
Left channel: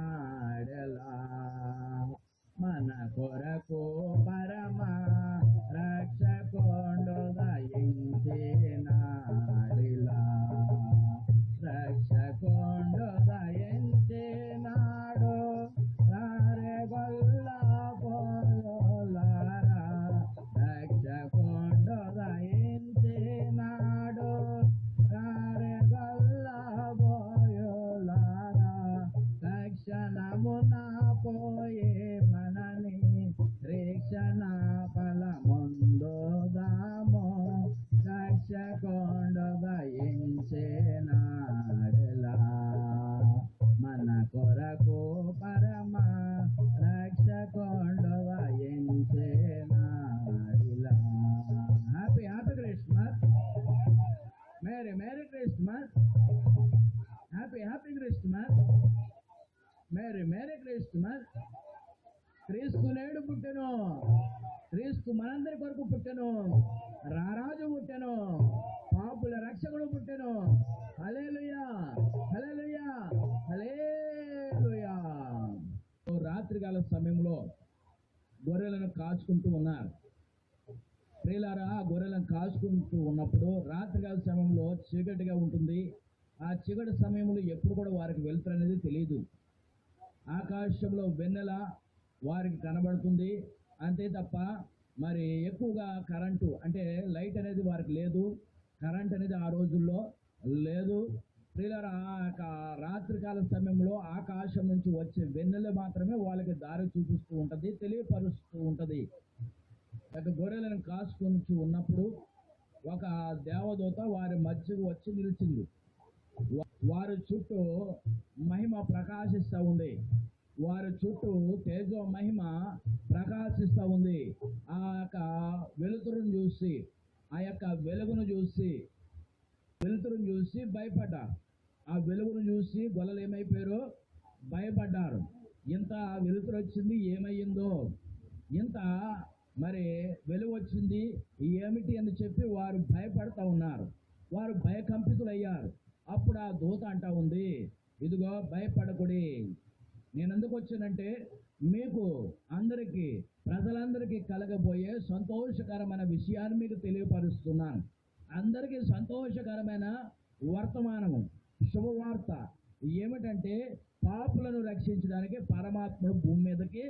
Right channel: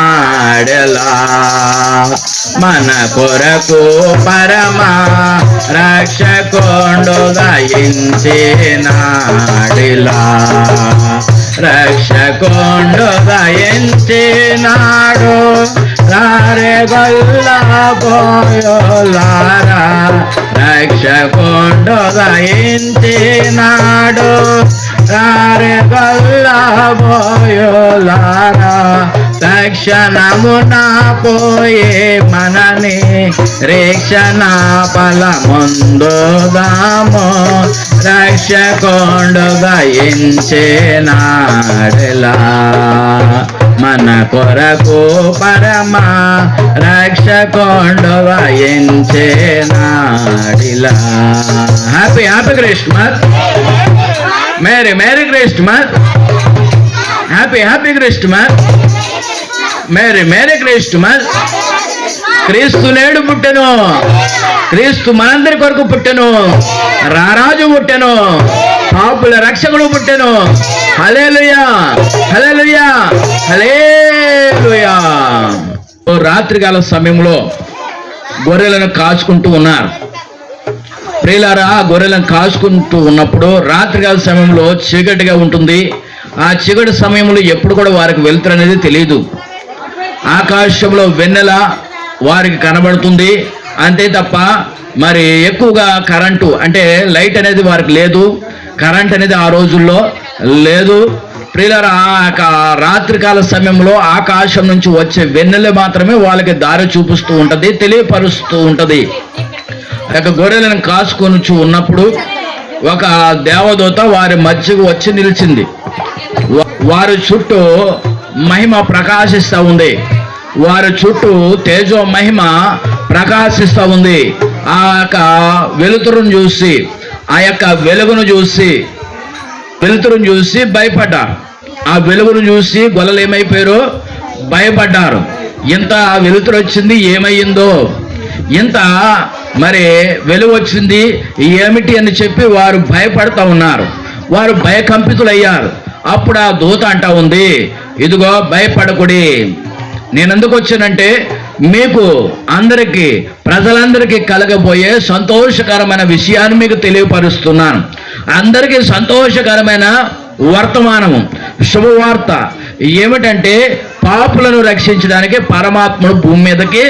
మన కొరకు పరమా రక్షకొండు దయించినాడిలా రక్షకొండు దయించినాడు రారే గొల్లా పోయోలారా రక్షకొండు దయించినాడు రారే గొల్లా పోయోలారా తక్షణమున పోయే మనని రేక్షణ ఫలముందుదాము రక్షకొండు దయించినాడెలా మన కొరకు పరమా రక్షకొండు దయించినాడిలా happy happy Christmas merry merry Christmas happy happy Christmas merry merry Christmas క్రీస్తు నేడు పుట్టెను క్రీస్తు మనందరి కొరకు పుట్టెను రారాజు పుట్టెను పాపుల రక్షకుడు పుట్టెను హల్లెలూయా హల్లెలూయా హల్లెలూయా రాత్రికాల సమయంలో గొర్రెలను కాచుకుంటూ ఉన్నారు ప్రియులారా గొర్రెలను కాచుకుంటూ ఉన్నప్పుడు రాత్రికాల సమయంలో చీకటిగా ఉంటుంది ఆ చీకటి సమయంలో ఎప్పుడు కూడా వారికి వెలుతురు అనేది తెలియదు ఆకాశంలో వెన్నెల వారికి కనబడుతుంది అంతే తప్ప మరి ఎక్కువగా కరెంటు అంటే లైట్ అనేది వారికి లేదు కరెంట్ అనేది ఆ రోజుల్లో లేదు ప్రియులారా రాత్రికాల సమయంలో ఆకాశం నుంచి వచ్చే వెన్నెల మాత్రమే వాళ్ళకి దారి చూపిస్తూ ఉంటది తెలియపరుస్తూ ఉంటది గొర్రెలను కాసుకొని ఉన్నప్పుడు ఒక దేవదూత వారి మధ్యకు వచ్చి నిలిచింది వారి చుట్టూ మహిమ ప్రకాశిస్తూ ఉంది వారి చుట్టూ తేజో మహిమ ప్రకాశిస్తూ ఉంది ఆ యొక్క వెలుతురును చూసి ఆ యొక్క వెలుగును చూసి భయపడ్డారు ఆ వెలుగును చూసి గొల్లలు ఏమైపోయారో భయపడ్డారు ఇంత వెలుతురు వచ్చింది ఏమయ్యిందో ఇంత మరి వెలుగు వచ్చింది ఏమిటి అని చెప్పి వారు భయపడతా ఉన్నారు వారు భయకంపితులయ్యారు అప్పుడు ఆ దూత అంటా ఉంది ఇదిగో భయపడకుడి నేను ఎందుకు వచ్చానంటే మీకు అందరికీ ప్రజలందరికీ కలగబోయే సంతోషకరమైన విషయాన్ని మీకు తెలియపరుస్తున్నాను. అందరికీ సంతోషకరమైన వర్తమానము, శుభవార్త ఏమిటంటే పాపులను రక్షించడానికి పరమాత్ముడు భూమి మీదకి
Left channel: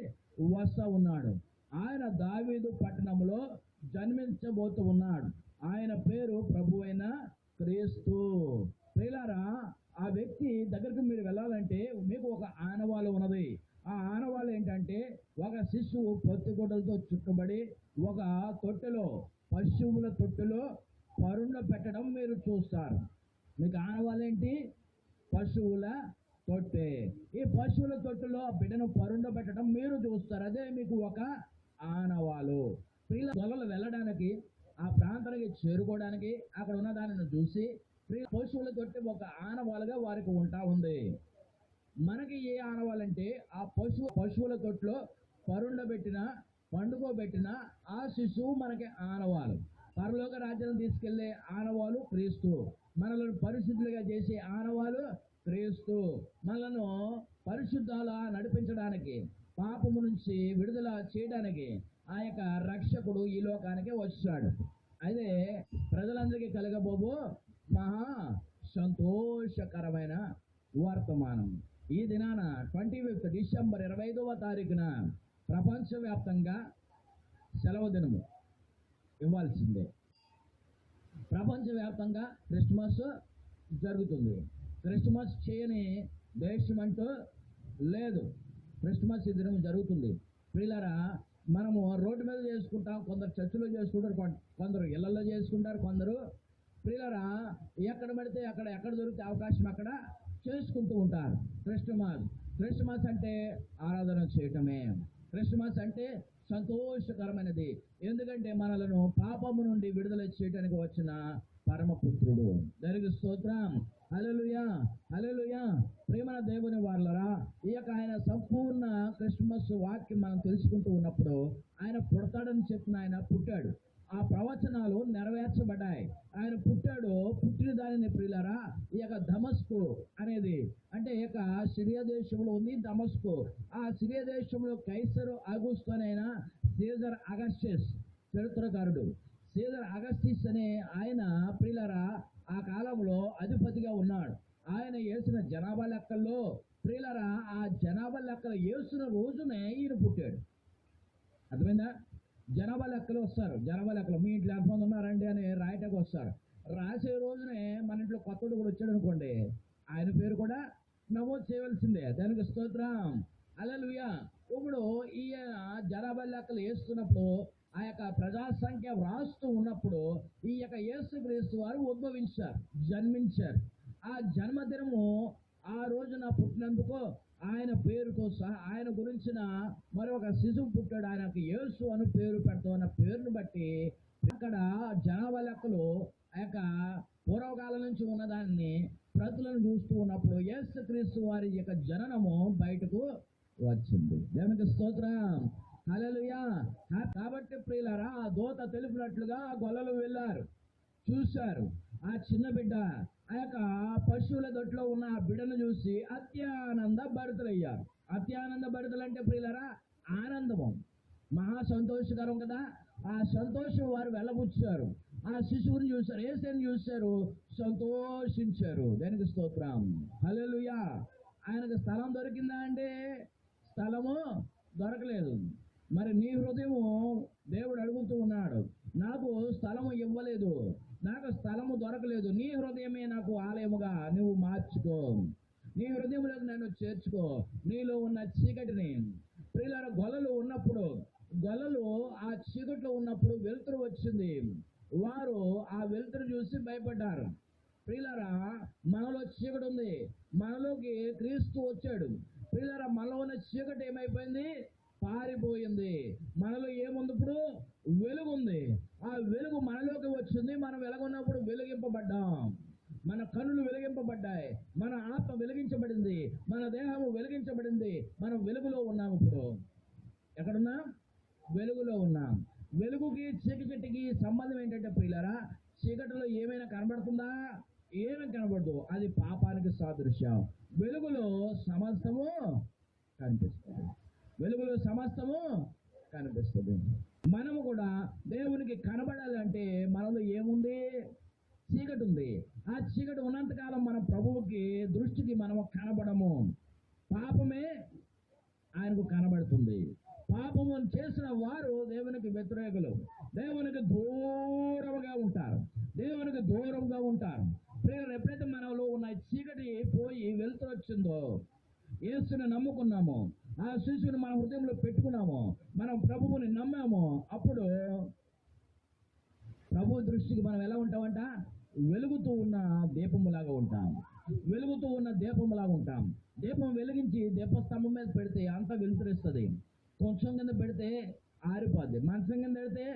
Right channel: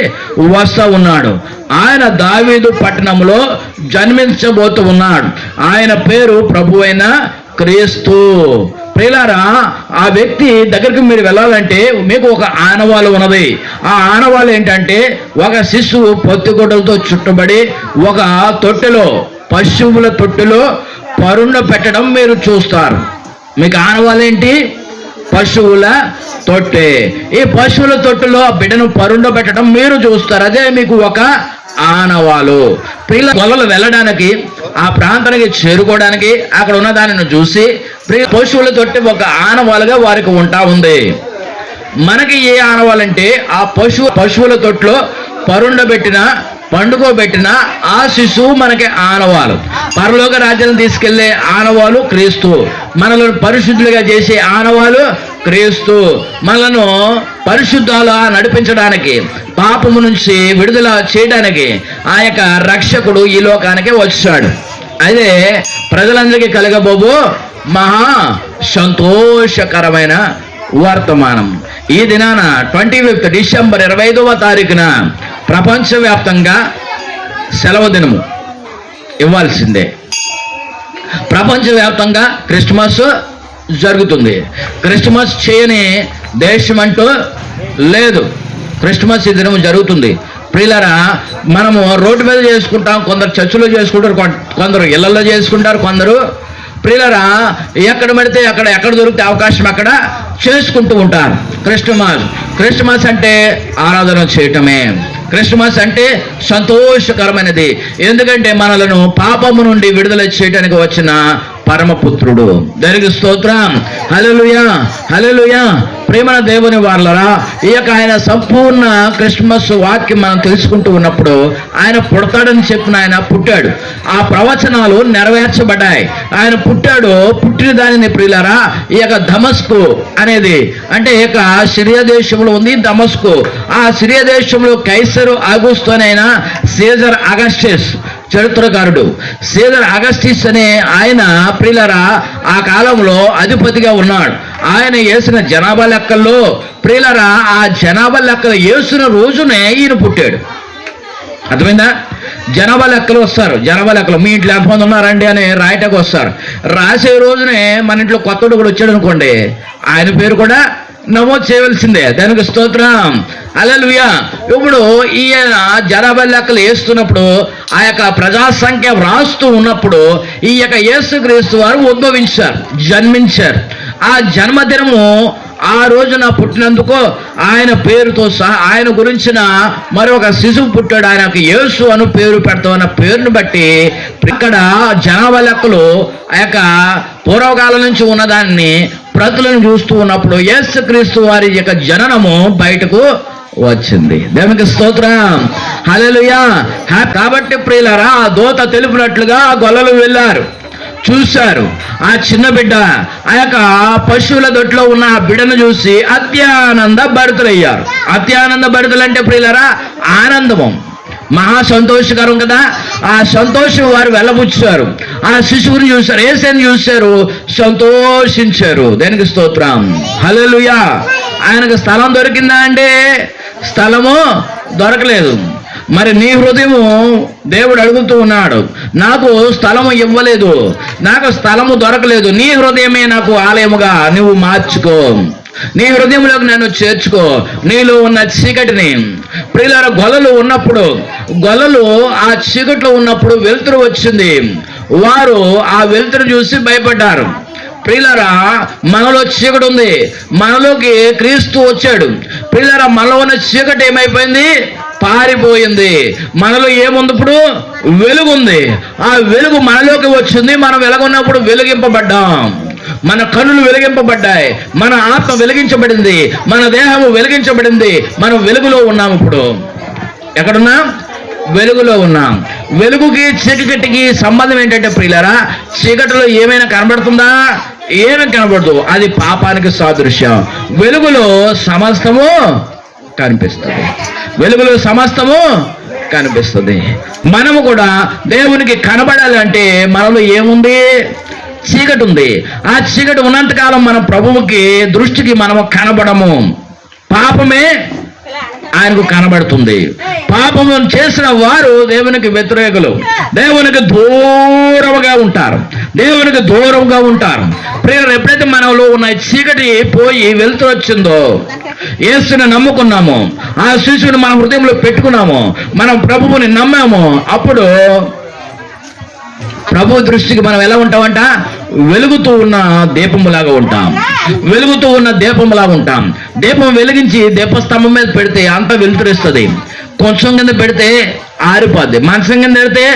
వస్తూ ఉన్నాడు. ఆయన దావీదు పట్టణంలో జన్మించబోతూ ఉన్నాడు. ఆయన పేరు ప్రభువైన క్రీస్తు. ప్రియులారా, ఆ వ్యక్తి దగ్గరికి మీరు వెళ్ళాలంటే మీకు ఒక ఆనవాలు ఉన్నది. ఆ ఆనవాలు ఏంటంటే ఒక శిశువు పొత్తిగుడ్డలతో చుట్టబడి ఒక తొట్టెలో, పశువుల తొట్టెలో పరుండ పెట్టడం మీరు చూస్తారు. మీకు ఆనవాలేంటి? పశువుల తొట్టె. ఈ పశువుల తొట్టెలో ఆ బిడ్డను పరుండ పెట్టడం మీరు చూస్తారు. అదే మీకు ఒక ఆనవాలు. పిల్ల గొల్లలు వెళ్ళడానికి, ఆ ప్రాంతానికి చేరుకోవడానికి అక్కడ ఉన్న దానిని చూసి పశువుల తొట్టె ఒక ఆనవాలుగా వారికి ఉంటా ఉంది. మనకి ఏ ఆనవాలంటే ఆ పశువుల తొట్టులో పరుండబెట్టిన, పండుకోబెట్టిన ఆ శిశువు మనకి ఆనవాలు. పరలోక రాజ్యాలను తీసుకెళ్లే ఆనవాలు క్రీస్తు. మనలను పరిశుద్ధులుగా చేసే ఆనవాలు క్రీస్తు. మనలను పరిశుద్ధాలుగా నడిపించడానికి, పాపము నుంచి విడుదల చేయడానికి ఆ యొక్క రక్షకుడు ఈ లోకానికి వచ్చాడు. అదే ప్రజలందరికీ కలగబోబు మహా సంతోషకరమైన వర్తమానం. ఈ దినాన 25 డిసెంబర్ 25వ తారీఖున ప్రపంచవ్యాప్తంగా సెలవు దినము ఇవ్వాల్సిందే. ప్రపంచవ్యాప్తంగా క్రిస్మస్ జరుగుతుంది. క్రిస్మస్ చేయని దేశం అంటూ లేదు. క్రిస్మస్ ఈ దినం జరుగుతుంది. ప్రియులారా, మనము రోడ్డు మీద చేసుకుంటాం, కొందరు చర్చిలో చేసుకుంటారు, కొందరు ఇళ్లలో చేసుకుంటారు, కొందరు ప్రియులారా ఎక్కడ పడితే అక్కడ, ఎక్కడ దొరికితే అవకాశం అక్కడ చేసుకుంటూ ఉంటారు. క్రిస్మస్ అంటే ఆరాధన చేయటమే. క్రిస్మస్ అంటే సంతోషకరమైనది. ఎందుకంటే మనలను పాపము నుండి విడుదల చేయడానికి వచ్చిన పరమపుత్రుడు. దానికి స్తోత్రం. హల్లెలూయా, హల్లెలూయా. ప్రేమన దేవుని వారలారా, ఈ యొక్క ఆయన సంపూర్ణ క్రిస్మస్ వాక్యం మనం తెలుసుకుంటూ ఉన్నప్పుడు ఆయన పుడతాడని చెప్పిన ఆయన పుట్టాడు. ఆ ప్రవచనాలు నెరవేర్చబడ్డాయి. ఆయన పుట్టాడు. పుట్టిన దానిని ప్రియులారా ఈ యొక్క దమస్కు అనేది, అంటే ఈ యొక్క సిరియా దేశంలో ఉంది దమస్కు. ఆ సిరియా దేశంలో కైసరు ఆగుస్తు అనైనా సీజర్ అగస్టస్ చరిత్రకారుడు. సీజర్ అగస్టిస్ అనే ఆయన ప్రియులారా ఆ కాలంలో అధిపతిగా ఉన్నాడు. ఆయన వేసిన జనాభా లెక్కల్లో ప్రియులారా ఆ జనాభా లెక్కలు వేసిన రోజునే ఈయన పుట్టాడు. అర్థమైందా? జనాభా లెక్కలు వస్తారు. జనాభా లెక్కలు మీ ఇంట్లో ఎంతమంది ఉన్నారండి అని రాయటకు వస్తారు. రాసే రోజునే మన ఇంట్లో కొత్తడు కూడా వచ్చాడు అనుకోండి, ఆయన పేరు కూడా నమోదు చేయవలసిందే. దానికి స్తోత్రం. హల్లెలూయా. ఇప్పుడు ఈయన జనాభా లెక్కలు వేస్తున్నప్పుడు ఆ యొక్క ప్రజా సంఖ్య వ్రాస్తూ ఉన్నప్పుడు ఈ యొక్క యేసుక్రీస్తు వారు ఉద్భవించారు, జన్మించారు. ఆ జన్మదినము ఆ రోజున పుట్టినందుకు ఆయన పేరుతో సహా ఆయన గురించిన మరొక శిశువు పుట్టాడు. ఆయనకు యేసు అను పేరు పెడతామన్న పేరును బట్టి ఇక్కడ జనాభా లెక్కలు ఆ యొక్క పూర్వకాలం నుంచి ఉన్నదాన్ని ప్రతులను చూస్తూ ఉన్నప్పుడు యేసుక్రీస్తు వారి యొక్క జననము బయటకు వచ్చింది. దేవునికి స్తోత్రం. హల్లెలూయా. కాబట్టి ప్రియులారా ఆ దూత తెలిపినట్లుగా గొల్లలు వెళ్ళారు, చూశారు. ఆ చిన్న బిడ్డ ఆ యొక్క పశువుల దొడ్లో ఉన్న ఆ బిడ్డను చూసి అత్యానంద భరితులయ్యారు. అత్యానంద భరితులు అంటే ప్రియులారా ఆనందము, మహా సంతోషకరం కదా. ఆ సంతోషం వారు వెళ్ళబుచ్చారు. ఆ శిశువుని చూశారు, యేసుని చూశారు, సంతోషించారు. దేనికి స్తోత్రం. హల్లెలూయా. ఆయనకు స్థలం దొరికిందా అంటే స్థలము దొరకలేదు. మరి నీ హృదయము దేవుడు అడుగుతూ ఉన్నాడు, నాకు స్థలము ఇవ్వలేదు, నాకు స్థలము దొరకలేదు, నీ హృదయమే నాకు ఆలయముగా నువ్వు మార్చుకో, నీ హృదయంలోకి నన్ను చేర్చుకో, నీలో ఉన్న చీకటిని. ప్రియులారా గొల్లలు ఉన్నప్పుడు, గొల్లలు ఆ చీకట్లో ఉన్నప్పుడు వెలుతురు వచ్చింది. వారు ఆ వెలుతురు చూసి భయపడ్డారు. ప్రియులారా మనలో చీకటి ఉంది, మనలోకి క్రీస్తు వచ్చాడు. ప్రియులారా మనలో ఉన్న చీకటి ఏమైపోయింది? పారిపోయింది. మనలో ఏముంది? ఇప్పుడు వెలుగుంది. ఆ వెలుగు మనలోకి వచ్చింది. మనం వెలుగున్నప్పుడు వెలిగింపబడ్డాం. మన కన్నులు వెలిగింపబడ్డాయి, మన ఆత్మ వెలిగించబడింది, మన దేహము వెలిగించబడింది. మనం వెలుగులో ఉన్నాం. ఇప్పుడు ఎక్కడున్నాం? వెలుగులో ఉన్నాం. వెలుగుకి చీకటికి సంబంధం ఏంటంటే ప్రియులారా చీకటిలో ఏమైనా కనబడుతుందా? ఏమీ కనబడదు. అది పాపానికి సాదృశ్యం. వెలుగులో సమస్తము కనిపిస్తుంది. వెలుగులో సమస్తము కనిపిస్తుంది. మనము కూడా దేవునికి కనబడాలంటే మనలో ఏముంది? చీకటి ఉంది. ఆ చీకటి ఉన్నంతకాలం మన ప్రభువుకి దృష్టికి మనము కనబడము. పాపమే ఆయనకు కనబడుతుంది. పాపము చేసిన వారు దేవునికి వ్యతిరేకులు, దేవునికి దూరంగా ఉంటారు, దేవునికి దూరంగా ఉంటారు. ప్రియులు, ఎప్పుడైతే మనలో ఉన్న చీకటి పోయి వెలుతురు వచ్చిందో, యేసుని నమ్ముకున్నాము, ఆ శిశువుని మన హృదయంలో పెట్టుకున్నాము, మనం ప్రభువుని నమ్మాము, అప్పుడు ప్రభు దృష్టికి మనం ఎలా ఉంటామంట? వెలుగుతూ ఉన్న దీపములాగా ఉంటాం. వెలుగుతూ ఉన్న దీపములాగా ఉంటాం. దీపం వెలిగించి దీపస్తంభం మీద పెడితే అంత వెలుతురిస్తుంది. కొంచెం కింద పెడితే ఆరిపోద్ది, మంచం కింద పెడితే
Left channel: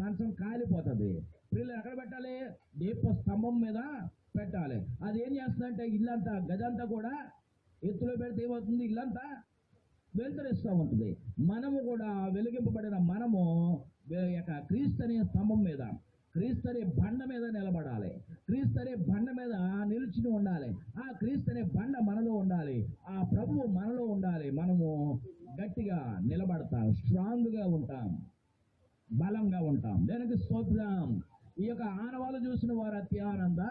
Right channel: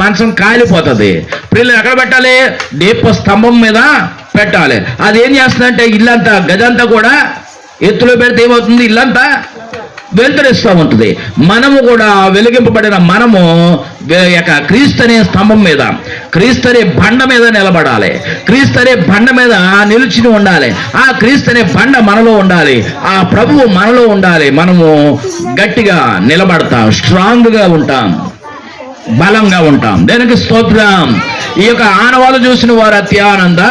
మంచం కాలిపోతుంది. పిల్లలు ఎక్కడ పెట్టాలి? దీపస్తంభం మీద పెట్టాలి. అది ఏం చేస్తుందంటే ఇల్లంతా, గదంతా కూడా ఎత్తులో పెడితే ఏమవుతుంది? ఇల్లంతా వెలుతురిస్తూ ఉంటుంది. మనము కూడా వెలిగింపబడిన మనము క్రీస్తు అనే స్తంభం మీద, క్రీస్తు అనే బండ మీద నిలబడాలి. క్రీస్తు అనే బండ మీద నిలిచి ఉండాలి. ఆ క్రీస్తు అనే బండ మనలో ఉండాలి. ఆ ప్రభువు మనలో ఉండాలి. మనము గట్టిగా నిలబడతాం, స్ట్రాంగ్గా ఉంటాం, బలంగా ఉంటాం. దేనికి స్తోత్రం. ఈ యొక్క ఆనవాళ్ళు చూసిన వారు అత్యానంద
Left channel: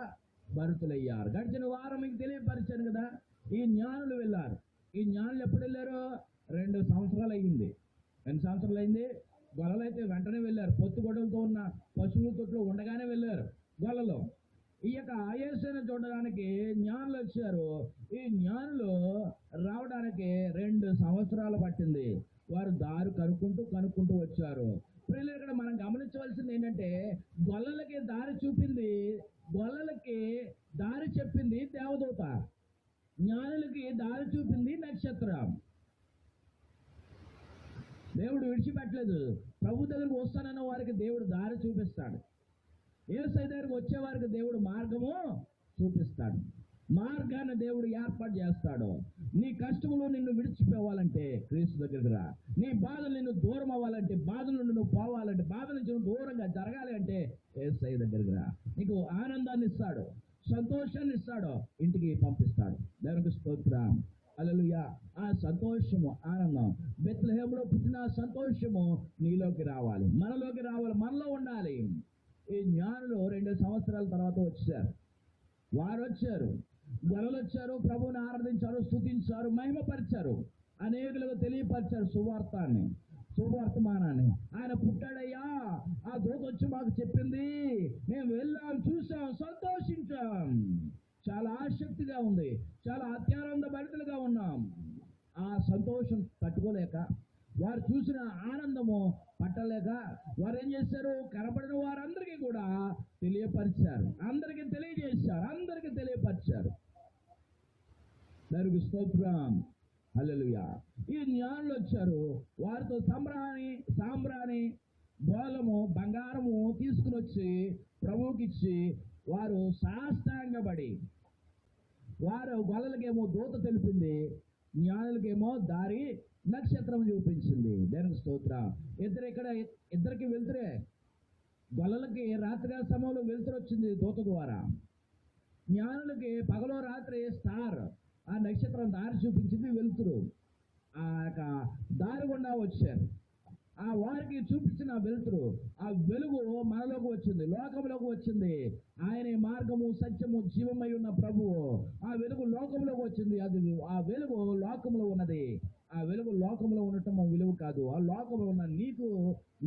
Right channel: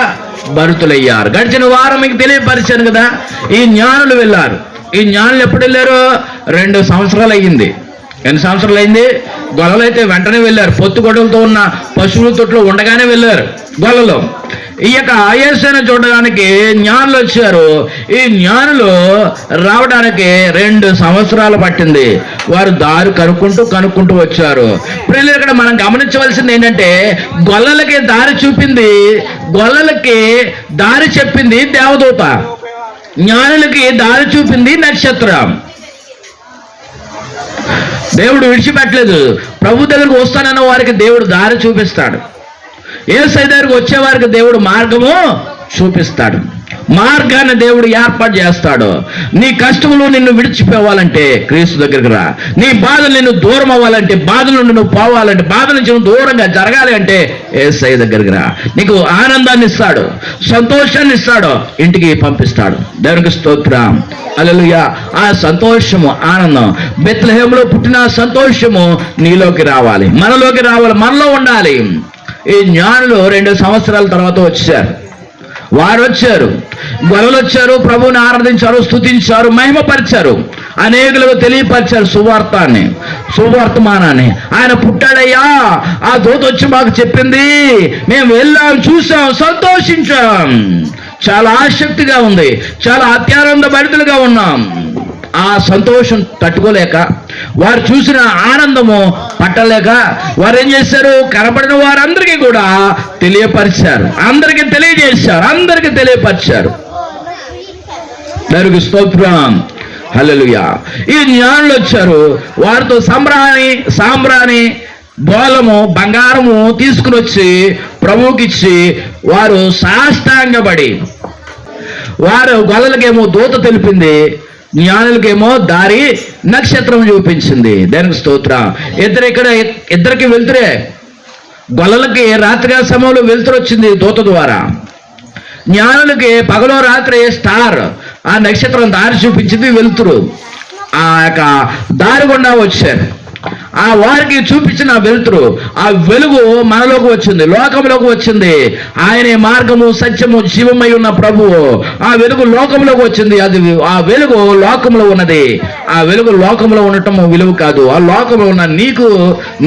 భరితులయ్యారు. గడిచిన వారం మీకు తెలియపరిచాను కదా, ఈ జ్ఞానులు వెళ్ళారు. ఈ జ్ఞానులు ఎప్పుడు వెళ్ళారు? 2 సంవత్సరాలు అయ్యింది. ఎన్ని సంవత్సరాలు అయింది? గొల్లలు అయితే వెంటనే వెళ్ళారు. పొత్తు గొడవలతో ఉన్న పశువుల తొట్లో ఉండగానే వెళ్ళారు గొల్లలో. ఈ యొక్క యేసుని చూడడానికి జ్ఞానులు వచ్చారు. ఈ జ్ఞానులు రావడానికి 2 సంవత్సరాలు పట్టింది. వారు దారి కనుక్కుంటూ వచ్చారు. ప్రియులు, ఇక్కడ మనం గమనించవలసింది ఏంటంటే, గొల్లలకి దారి చూపింది, గొల్లలకి దారి చెప్పింది దేవదూత, జ్ఞానులకి దారి చూపింది నక్షత్రం. దేవుడు విడిచిపెట్టలేదు. ప్రభు దగ్గరకు వస్తానన్న వారికి దేవుడు దారి చూపిస్తాడు. యేసయ్య దగ్గరకు వచ్చే వారికి దేవుడు మార్గము చూపిస్తాడు. మార్గాన్ని దేవుడు ఏర్పాటు చేస్తాడు. నీ కష్టములు నిన్ను విడిచిపోవాలంటే క్రీస్తు దగ్గరికి రా. నీ బాధలు నిన్ను దూరం అవ్వాలంటే, బాధల నుండి నువ్వు పోవాలంటే, బాధ నుంచి నువ్వు దూరంగా జరగాలి అంటే యేసయ్య దగ్గరికి రా. నీకు ఆనందాన్ని ఇస్తాడు, సంతోషాన్ని ఇస్తాడు, ఇంటికి పంపిస్తాడు. దేవునికి స్తోత్రం. హల్లెలూయా. ఆ సంతోషము, ఆనందం, బెత్లెహేములో పుట్టిన సంతోషము నీలోకి రావాలి, మనలోకి రావాలి, మనలో ఉండాలి. ఈ జ్ఞానులు 2 సంవత్సరాల తర్వాత వచ్చారు. వారు వచ్చారు, గొల్లలు వచ్చారు, ప్రభువుని ఆరాధించారు, స్తుతించారు, మహిమపరిచారు, అనేకులకు తెలియపరిచారు సువర్తమానాన్ని. ఆయన పుట్టాడయ్యా, ఆ దూత వచ్చి మాకు చెప్పింది, మేము వెళ్ళాం, చూసాం, సంతోషించాం, చాలా ఆసక్తిగా ఉంది, చాలా అత్యానంద భరితులుగా ఉన్నాం. ఆ సంతోషం తట్టుకోలేక, వారు చూసిన ఆనందము పట్టలేక వారు ఏం చేశారు? కనబడిన వారందరికీ కూడా తెలియపరిచారు, అందరికీ తెలియజేశారు, అందరికీ తెలియపరిచారు. దేవునికి స్తోత్రం. హల్లెలూయా. ఈ జ్ఞానులు వచ్చారు. వారితో సాంబ్రాణి బోలము, బంగారము తీసుకుని వచ్చి ప్రభువుకి ఇచ్చి వారు సాష్టాంగపడి, వారు గొల్లలకేమో దూత తెలిపింది, జ్ఞానులకేమో దారి నక్షత్రం చూపించింది. దానికి స్తోత్రం. ఇద్దరికి వెళ్తురే. గొల్లలకి రాత్రికాల సమయంలో వెళ్తురు వచ్చింది దూత ద్వారా, జ్ఞానులకి పగలో రాత్రి స్టార్, ఆ నక్షత్రం దారి చూపించింది, వెళ్తురు. ఆ యొక్క దారి గుండా వచ్చారు. ఆ వారికి చూపించిన వెలుతురు, ఆ వెలుగు మనలోకి వచ్చింది, లోకంలోకి వచ్చింది. ఆయనే మార్గము, సత్యము, జీవమై ఉన్న ప్రభువు. ఆ వెలుగు లోకంలోకి వచ్చింది. అది ఆ వెలుగు లోకంలో ఉన్నది. ఆ వెలుగు లోకంలో ఉండటం విలువ కాదు. ఆ లోకంలో ఉన్న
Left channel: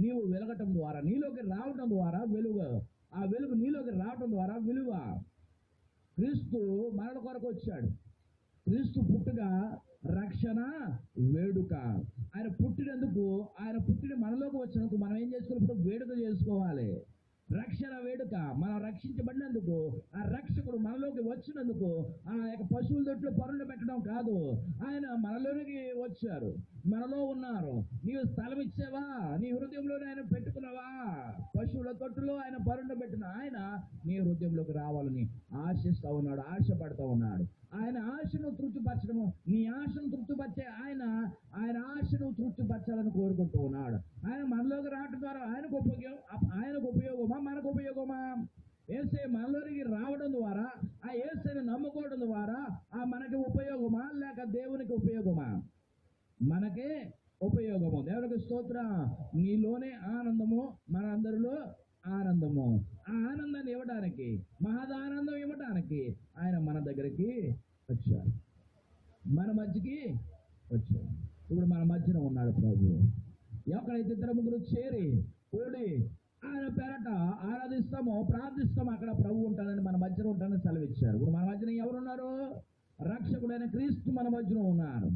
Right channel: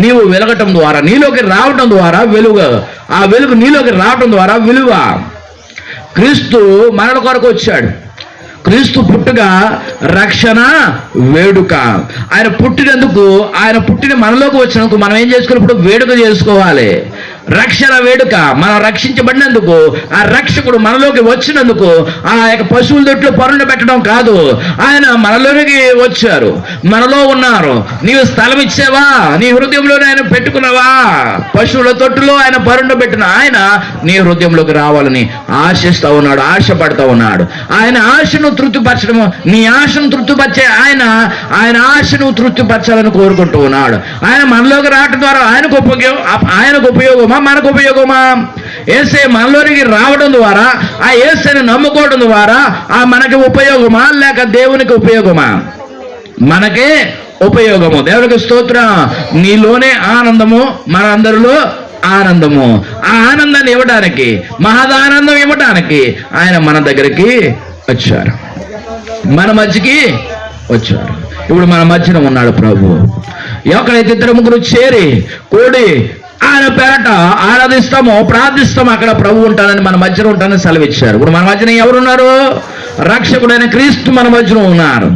నీవు వెలగటం ద్వారా, నీలోకి రావటం ద్వారా వెలుగు. ఆ వెలుగు నీలోకి రావటం ద్వారా విలువ. క్రీస్తు మనల కొరకు వచ్చాడు. క్రీస్తు పుట్టుక రక్షణ వేడుక. ఆయన పుట్టినందుకు, ఆయన పుట్టిన మనలోకి వచ్చినందుకు మనం ఏం చేసుకోవాలి? వేడుక చేసుకోవాలి. రక్షణ వేడుక. మనం రక్షించబడినందుకు, ఆ రక్షకుడు మనలోకి వచ్చినందుకు, ఆ యొక్క పశువుల దొడ్లో పరుండ పెట్టడం కాదు, ఆయన మనలోకి వచ్చారు, మనలో ఉన్నారు. నీవు స్థలం ఇచ్చావా? నీ హృదయంలోనే ఆయన పెట్టుకున్నావా? పశువుల తొట్టులో ఆయన పరుండ పెట్టిన ఆయన నీ హృదయంలోకి రావాలని ఆశిస్తూ ఉన్నాడు, ఆశపడతా ఉన్నాడు. ఆయన ఆశను తృప్తిపరచడము, నీ ఆశను తృప్తిపరిచే ఆయన ఆశను తృప్తిపరచాలని కోరుకుంటూ ఉన్నాడు. ఆయన మనలోకి రావడం ద్వారా ఆయనకు ఉపయోగమా, మనకు ఉపయోగమా? యేసే మనలోనికి రావడం ద్వారా, ఆ యేసేని నమ్ముకోవడం ద్వారా ఆ మనకి ఉపయోగమా, లేక దేవునికి ఉపయోగమా? మనకే ఉపయోగము. దేవునికి స్తోత్రం. నీలోనే ఆనందము, మనందరిలో ఆనందము. ఆ ఆనందాన్ని ఇవ్వడానికి, మహదానందం ఇవ్వడానికి ఆయన మన దగ్గరికి వచ్చారు, మన మధ్యకి వచ్చారు. ఇప్పుడు మన మధ్యన ఉన్నాడు ప్రభు. ఎక్కడైతే ఇద్దరు ముగ్గురు చేరి కూడి ఆయన పేరట ఆరాధిస్తామో, ప్రార్థిస్తామో, అక్కడ ప్రభు ఉంటానని, మన మధ్యలో ఉంటానని సెలవిచ్చారు. ఇప్పుడు మన మధ్యన ఎవరున్నారు? రక్షకుడైన క్రీస్తు మన మధ్యలో ఉన్నారు.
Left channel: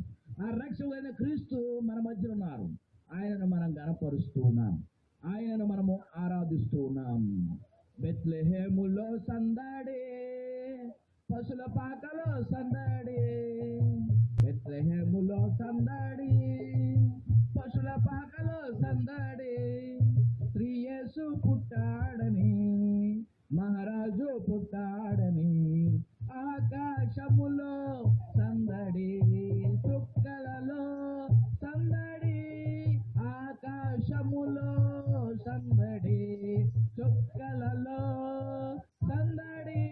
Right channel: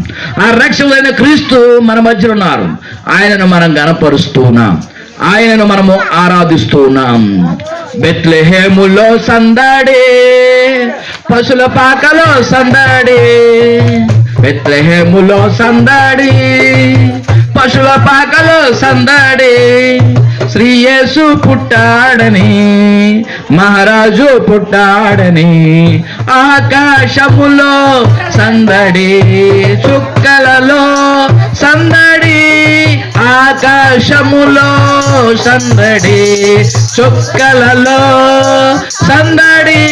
ఆ రక్షకుడైన క్రీస్తు మన మధ్యలో ఉన్నారు. ఆయనను మనం గణపరుస్తూ ఉన్నాం, ఆయనను మనము ఆరాధిస్తూ ఉన్నాం. బెత్లెహేములో సందడి, పశుల పాకలో సందడి. బెత్లెహేములో సందడి, పశుల పాకలో సందడి. శ్రీ యేసు పుట్టాడని, మహారాజు పుట్టాడని. ఆకాశములో సందడి, చుక్కలలో సందడి. ఆకాశములో సందడి, చుక్కలలో సందడి.